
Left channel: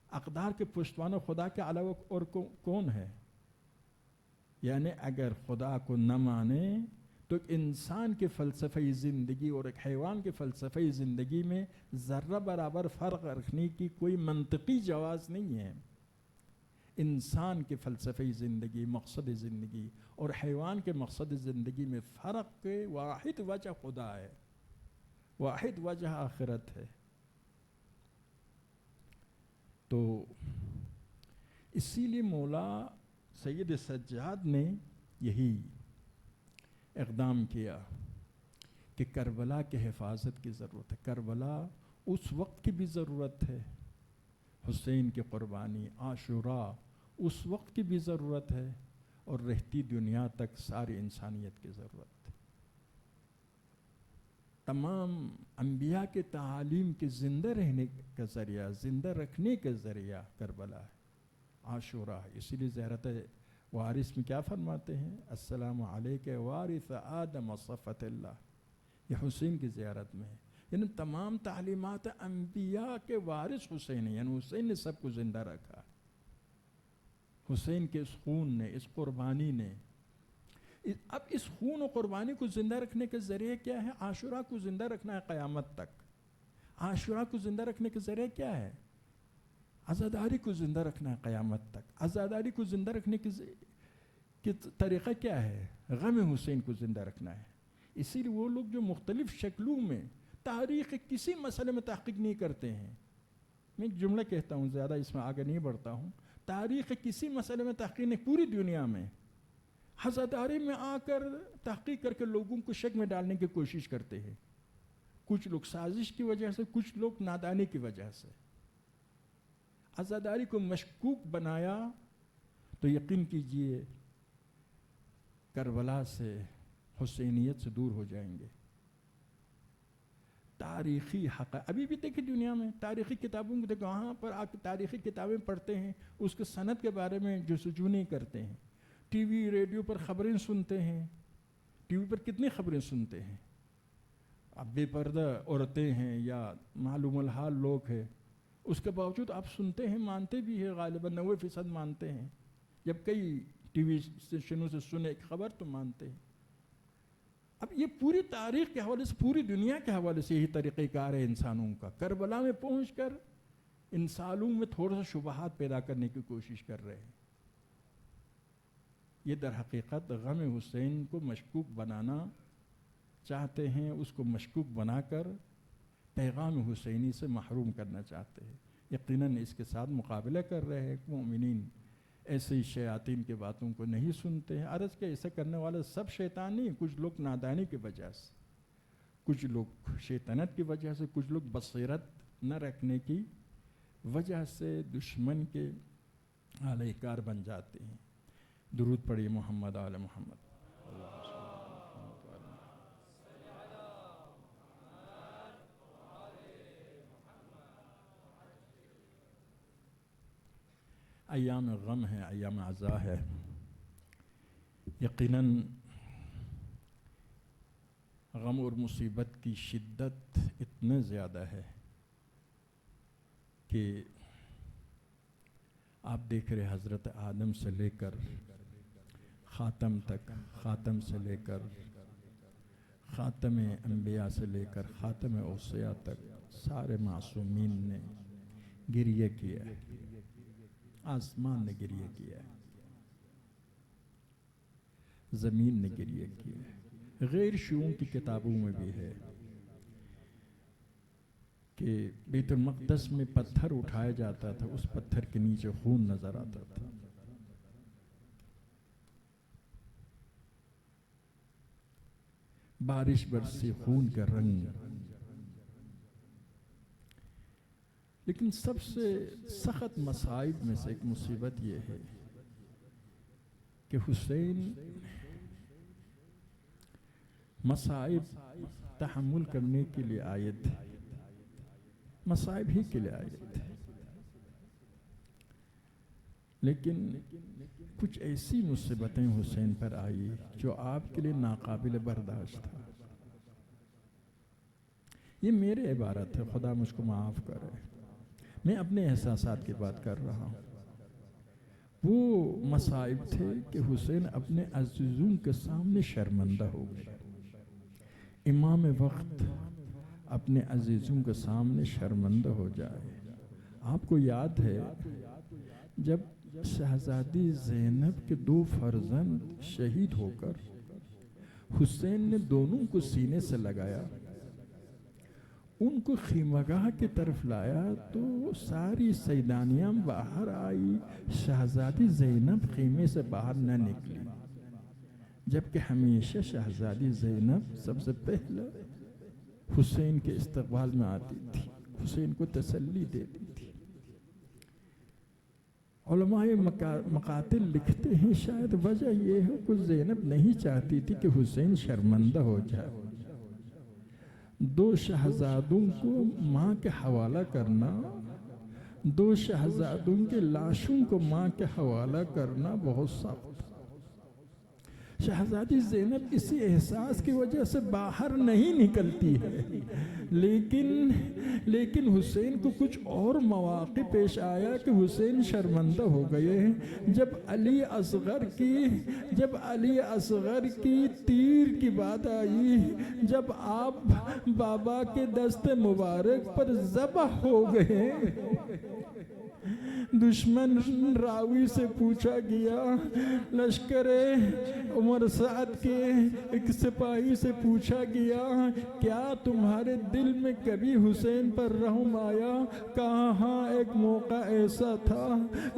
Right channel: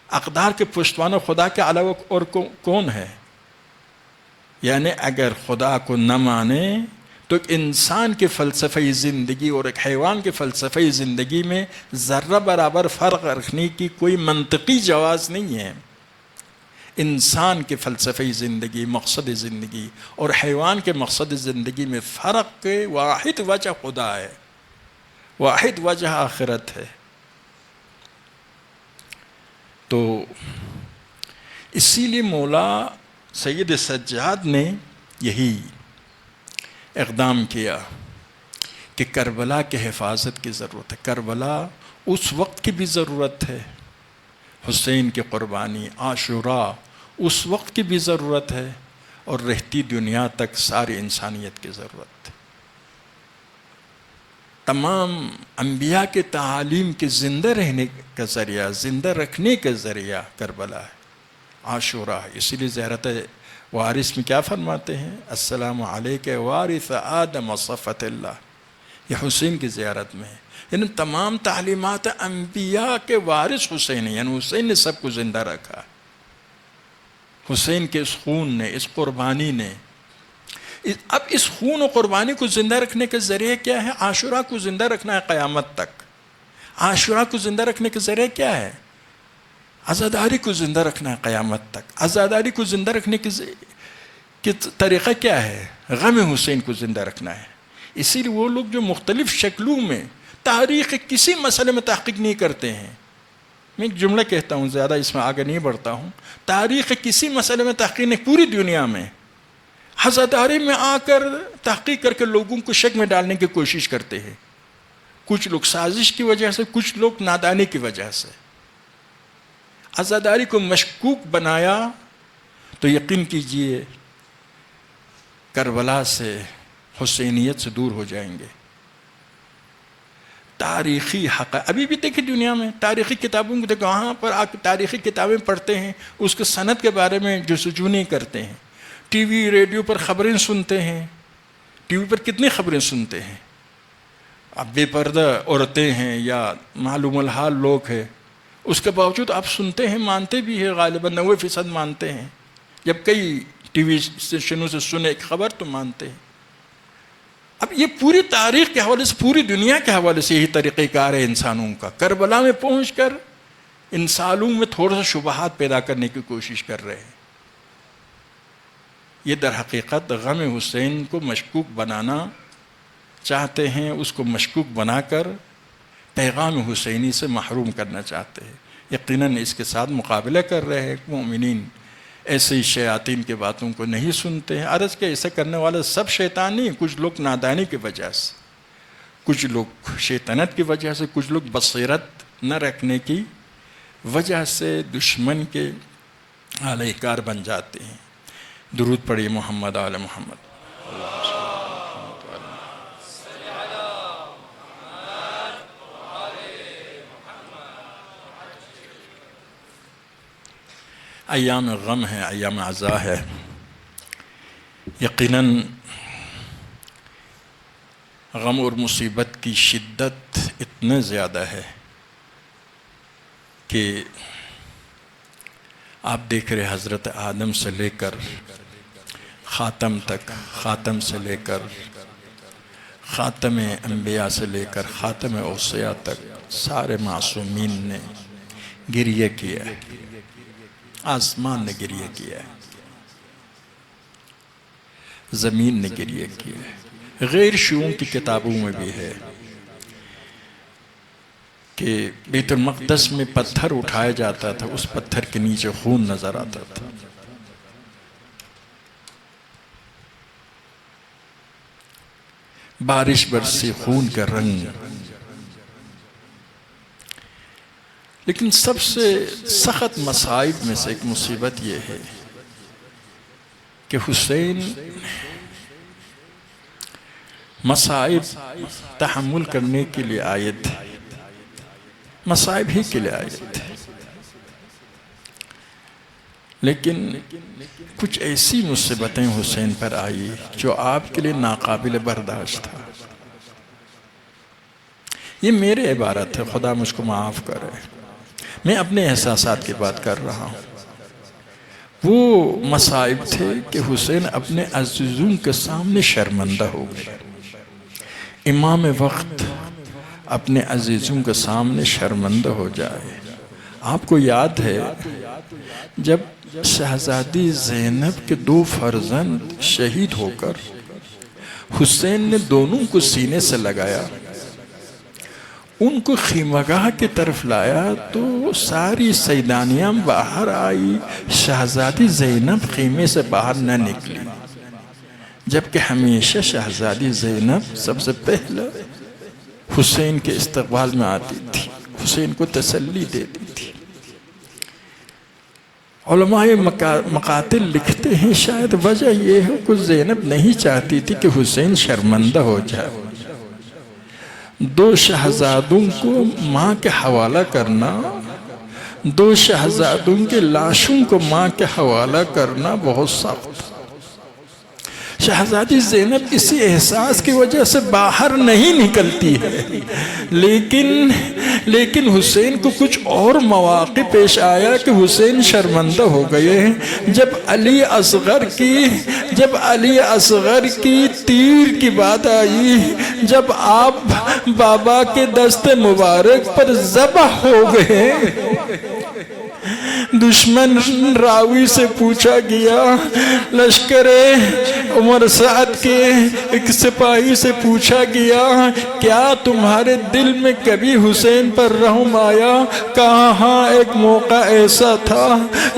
اقدار کے پشتوانہ خدا کے علاوہ اور کون ہے؟ یعنی اگر خدا کو نہ مانے تو ایک انسان کے فلسفی زندگی اور ایک حیوان کے فلسفی زندگی میں ذرہ برابر فرق رکھنے کی کوئی منطقی جواز نہیں ہے۔ انسان کے فلسفی زندگی، مقصد زندگی اور حیوان کے مقصد زندگی میں فرق کے واحد وجہ خدا ہے، واحد وجہ آخرت ہے۔ تو اسی لیے مولا سید سجاد نے یہی اقدام کیا کہ کربلا کے حفاظت کی ضرورت ہے۔ کربلا اس وقت کی بھی ضرورت ہے، حسین کی قربانی، عاشوراء اس وقت کی بھی ضرورت ہے، اور رہتی دنیا تک ساری انسانیت کی ضرورت ہے۔ تمام انبیاء کے تعالیم کے زندہ رہنے کا ذریعہ، زندہ رکھنے کا ذریعہ کربلا ہے، عاشوراء۔ اسی لیے زیارت وارث میں کیا فرماتے ہیں؟ السلام علیک وارث آدم صفت اللہ، یہ حسین کی زیارت میں ہے۔ یعنی تمام تعلیمات انبیاء کے وارث حسین ہیں، یعنی حسین نے سب کو زندہ رکھا۔ حسین کے اس خون نے، اس قربانی نے، اب اس خون و قربانی کو زندہ رکھنے کے ذریعے کیا ہے؟ عاشوراء کو زندہ رکھنا ہے قیامت تک۔ عاشوراء کو زندہ رکھنے کے ذریعے کیا ہے؟ عزاداری کو زندہ رکھنا ہے قیامت تک۔ عزاداری کو زندہ رکھنے کی طریقہ کیا ہے؟ غم حسین کو زندہ رکھنا ہے۔ اسی لیے وہ لوگ جو مختلف شکلوں میں تاریخ کسی مسئلے میں تحقیق نہیں کرتے ہیں، میں ایک جملہ کہتا ہوں، زیادہ اس میں آگے نہیں بڑھتا ہوں، تاریخ کسی مسئلے میں تحقیق نہیں، پوری دنیا میں عزاداری میں آ کر تحقیق کر کے لوگوں کو شک میں ڈالنے کی کوشش کرتے ہیں۔ کچھ لوگ سازش کی وجہ سے، کچھ لوگ نادانی کی وجہ سے عزاداری کو مشکوک بنایا، تو یقین کیجئے کربلا سے، حسینیت سے دور ہو جائیں گے۔ تاریخی حقائق ابھی بھی دیکھیں دنیا میں، تاریخی کتابوں کو دیکھیں، وہاں پر آپ تاریخی کتابیں پڑھتے ہیں، اس کے سند کے بارے میں جستجو نہیں کرتے ہیں۔ ٹی وی ریڈیو پر خبریں سنتے ہیں، ٹی وی پر کتنی خبریں سنتے ہیں، اب بے پردہ عورتیں ہیں یا معلوم الحال لوگ ہیں، اس کے باوجود آپ سنتے ہیں، مانتے بھی ہیں، غالباً 90% مانتے ہیں۔ جب کئی ٹی وی اسٹیشنوں سے سنے ایک خبر تو مانتے ہیں۔ اب یہ پوری تاریخ کے حوالے سے، پوری دنیا کے حوالے سے یہی طریقہ کار ہے انسانوں کا۔ کربلا میں پہنچ کر انسانوں میں تھوڑا سا شبہات پیدا کرنے کی کوشش کر رہے ہیں۔ یہ در حقیقت غم حسین کو مشکوک بنانا چاہتے ہیں، اس کو مشکوک بنا کر پیغام حسینی سے محروم کرنا چاہتے ہیں۔ یقیناً اس کے ساتھ مقابلہ کر رہے ہیں۔ مومنین ایسے شیاطین کی باتوں کو نہیں سنتے ہیں۔ عرض کہ ایسا کرنے والے سب شیطان نہیں، کچھ لوگ نادانی کی وجہ سے، کچھ لوگ شیطنت کی وجہ سے، کچھ لوگ بصیرت نہ رکھنے کی وجہ سے دشمن کے اہل کار بن جاتے ہیں۔ درود پڑھیے محمد آل محمد۔ ایام غم ہے، ایام عزا ہے۔ یقیناً غم اور مصیبت کی شدت اتنا زیادہ ہے کہ آپ دیکھ رہے حضرت آدم سے لے کر خاتم تک، خاتم سے لے کر خاتم انبیاء سے لے کر خاتم اوصیاء تک سارے معصومین نے گریہ کیا ہے، آسمان نے گریہ کیا ہے، زمین نے گریہ کیا ہے۔ غیر شیعوں کی کتابوں میں بھی ہے کہ بیت المقدس میں پتھر اٹھایا جاتا تھا، اس پتھر کے نیچے خون نظر آتا تھا۔ بارش برسی خون کا رنگ. لیکن سب سے سخت مصائب میں سے ایک مصیبت یہ ہے کہ حسین مصائب تحمل کرنے کے لیے آئے تھے، مصائب ہی کے لیے آئے تھے، لیکن کچھ ایسی مصیبتیں حسین پر آئی جو آپ کے لیے ناقابل برداشت تھا. یہ میرے عبارت ہے، خدا مجھ کو معاف کرے، میں اپنے احساسات کی بات کر رہا ہوں. وہ مصائب تھے کہ حسین اپنے عزیزوں کے سامنے شرمندہ ہو گئے. امام وقت اپنے عزیزوں کے سامنے شرمندہ ہو جائے. آپ کو یاد ہے جب شہزادی زینب کے 2 فرزند شہید ہو کر حسین نے دونوں کو سینے سے لگایا، ان کو خیمگاہ کی طرف لایا تو ساری سیدانیاں باہر آئی، شہزادی زینب خیمے سے باہر نہ نکلی، جبکہ ہمیشہ شہزادی زینب سب سے پہلے حسین کے استقبال میں آتی تھی، حسین کو تسلی دیتی تھی. علماء مقاتل لکھتے ہیں شاید وجہ یہ ہے کہ زینب نہیں چاہتی تھی کہ حسین شرمندہ ہو جائے. 2 شہزادوں کو ماں کے حوالہ کرنا، 2 شہزادوں کے لاشوں کو ماں کے حوالہ کرنا بہت سخت. شہزادی زینب اسی احساس کی وجہ سے باہر نہیں نکلتی ہے، لیکن حسین کو کچھ اور مواقع پیش آیا کہ حسین شرمندہ ہو گئے. جب علی اصغر کی تیر کی بات آئی، جب آپ بابا کے دست مبارک پر ذبح ہو گئے، دشمن راوی سے پوچھا گیا، لشکر عمر سعد کے ایک سپاہی سے پوچھا گیا، کیا تمہارے دل میں کبھی حسین پر رحم آیا؟ کہا ہاں، ایک موقع ایسا تھا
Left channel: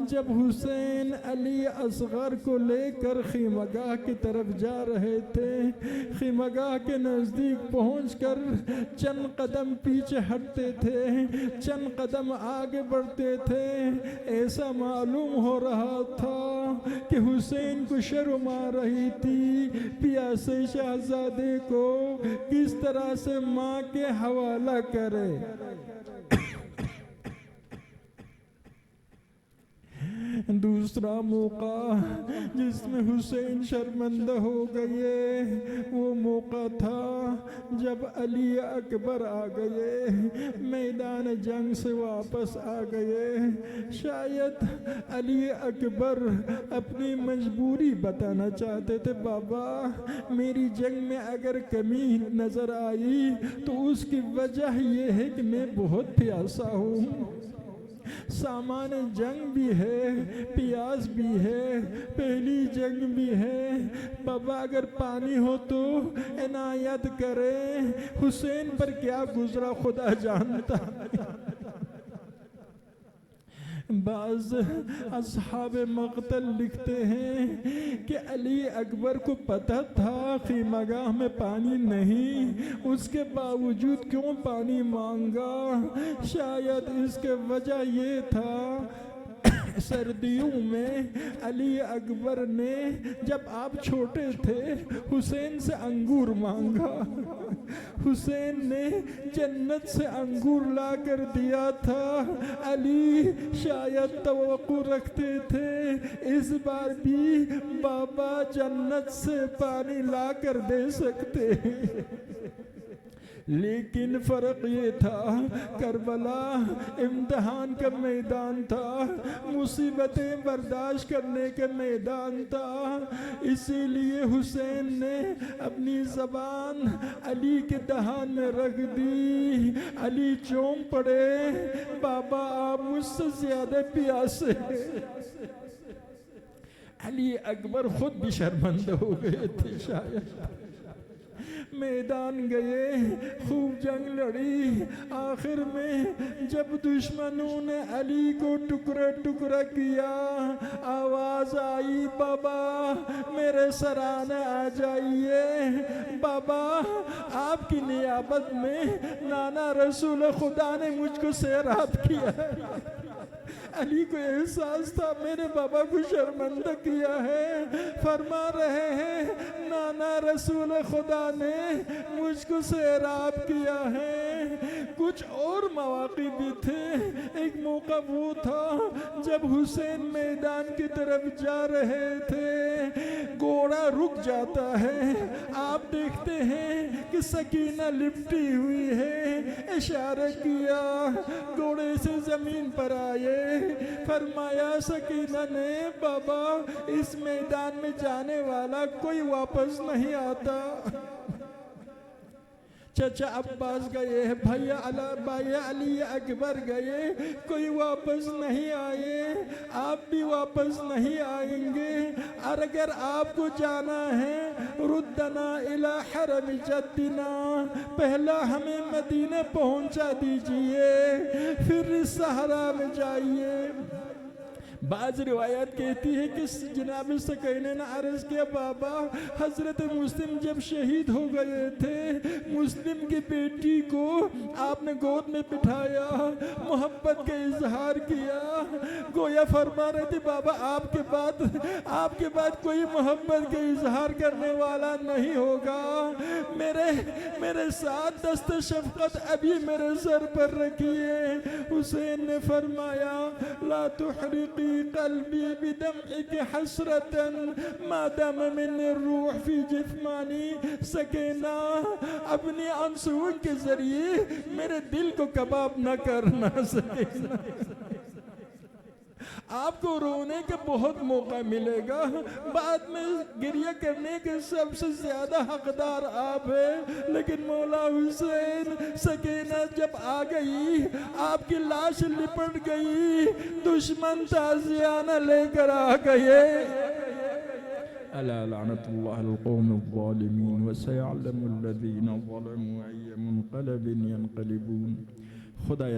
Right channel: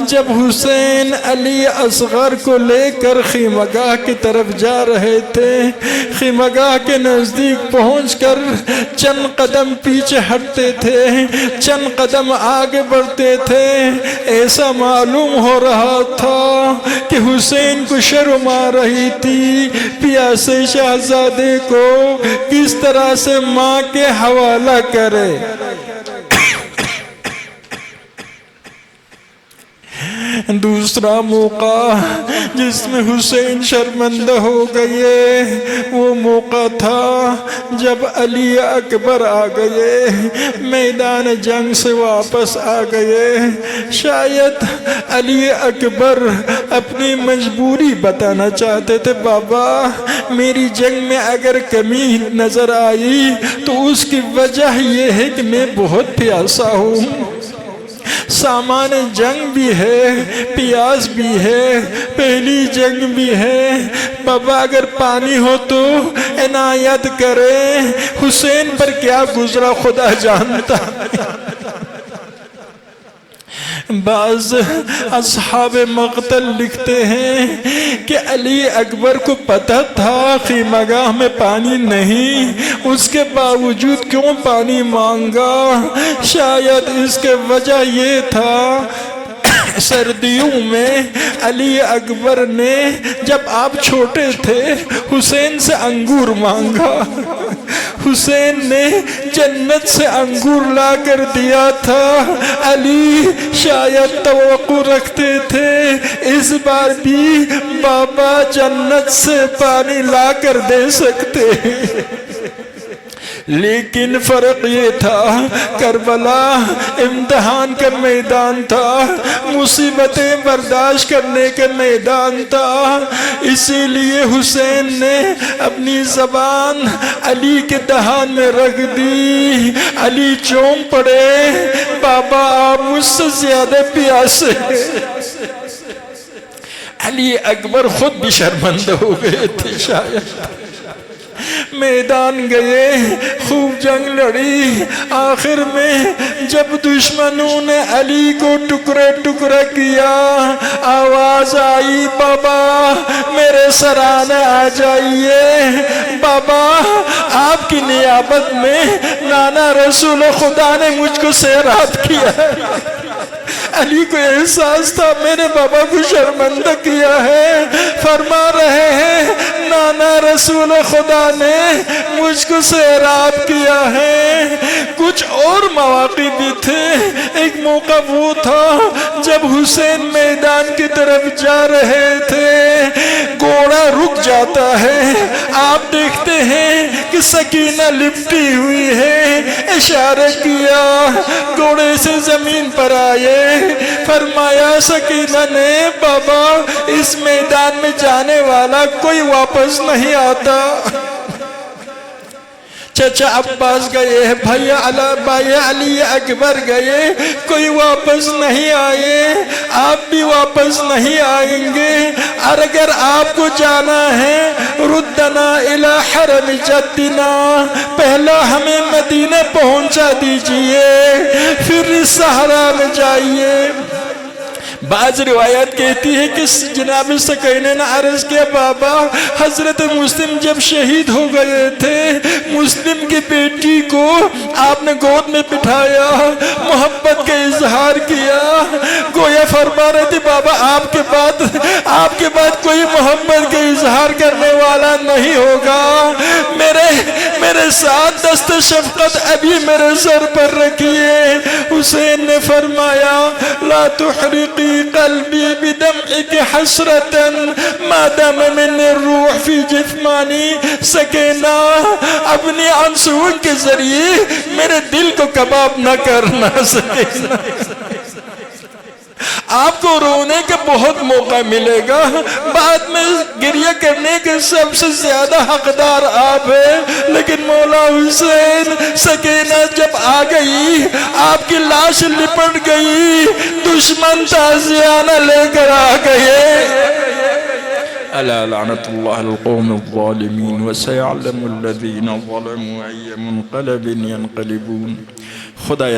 جب حسین علی اصغر کو لے کر خیمگاہ کی طرف جا رہے تھے، خیمگاہ کے نزدیک پہنچ کر چند قدم پیچھے ہٹتے تھے، چند قدم آگے بڑھتے تھے، ایسا معلوم ہو رہا تھا کہ حسین کو شرم آ رہی تھی پیاسے شہزادے کو کس طرح سے ماں کے حوالہ کرے. دوسرا موقع جس میں حسین شرمندہ ہو گئے وہ موقع تھا جب علی اکبر آ گئے، میدان جنگ سے واپس آ گئے. شاید علی اکبر اپنی مجبوری بتانا چاہتے تھے، بابا میری جنگ میں اگر کمی نظر آئی تو اس کی وجہ یہ ہے کہ میں بہت پیاسا ہوں، سامان جنگ بھی ہے، پیاس بھی ہے، پہلی جنگ بھی ہے، بابا اگر پانی ہو تو عنایت کرے. حسین پر کیا گزرا خدا جانتا. بعض اصحاب مقتل لکھتے ہیں کہ علی اکبر کو پتہ تھا خیمگاہ میں پانی نہیں، اس کے باوجود کیوں پانی مانگا؟ شاید اس کے وجہ یہ تھا سردیوں میں علی اکبر نے جب آپ چھوٹے تھے حسین سے انگور مانگا، حسین نے جنت سے انگور لا کر دیا تھا. علی شاید توقع رکھتے تھے اس بار بھی بابا جنت سے پانی لا کر دے سکتے، لیکن فرق یہ تھا کربلا امتحان کا میدان تھا، مصیبتیں برداشت کرنے کا میدان تھا. اسی لیے حسین نے اپنی زبان علی کے دہان میں رکھ دی. علی چون پڑے، بابا آپ مجھ سے زیادہ پیاسے. علی اکبر خود بھی شرمندہ ہو گئے تھے. شاید میدان گئے، خوب جنگ لڑی، آخر میں جب دشمنوں نے علی کو ٹکڑے ٹکڑے کیا، آواز آئی بابا میرے سرانے آ جائیے، بابا آپ کی نیابت میں نانا رسول خدا نے مجھ کو سیرات کیا ہے۔ علی کو احساس تھا میں نے بابا کو شرمندہ کیا ہے، فرما رہے ہیں نانا رسول خدا نے مجھ کو سیراب کیا ہے۔ کچھ اور مواقع بھی تھے، ایک موقع وہ تھا جب حسین میدان کی طرف جا رہے تھے، گھوڑا رک جاتا ہے، آپ دیکھتے ہیں کہ سکینہ لپٹی ہوئی ہے، اشارہ کیا، گھوڑے سے زمین پر آئے، فرمایا سکینہ نے بابا اس میدان میں جانے والا کوئی واپس نہیں آتا۔ چچا عباس گئے، بھائی علی اکبر گئے، کوئی واپس نہیں آئے، آپ بھی واپس نہیں آئیں گے، اور اگر آپ کو جانا ہے ردنا الی حرم جدنا، پہلا ہمیں مدینہ پہنچا دیجئے پھر اس صحرا میں جائیے۔ بعض روایت کہتی ہے کہ جناب سکینہ نے عرض کیا بابا حضرت مسلم جب شہید ہو گئے تھے، مسلم کی بیٹی کو آپ نے گود میں بٹھایا، محبت کا اظہار کیا، گویا فرما رہے تھے بابا آپ کے بعد کوئی محبت کا اظہار کرنے والا نہیں ہوگا، میرے ساتھ دست شفقت ابھی میرے سر پر رکھیے۔ حسین نے فرمایا لا تحرقی قلبی بدمعک حسرتا ما دام من الروح فی جثمانی، سکینہ اپنی آنسوؤں کے ذریعے میرے دل کو کباب نہ کرنا۔ سکینہ آپ کو رونے کا بہت موقع ملے گا، بعد میں گریہ کرنے کے سب سے زیادہ حقدار آپ ہیں، لیکن مولا حسین سکینہ جب آ گئی، آپ کی لاش لپٹ گئی، دشمن تازیانہ لے کر آ گئے۔ الا لعنت اللہ القوم الظالمین وسيعلم الذین ظلموا أي منقلب ينقلبون۔ خدا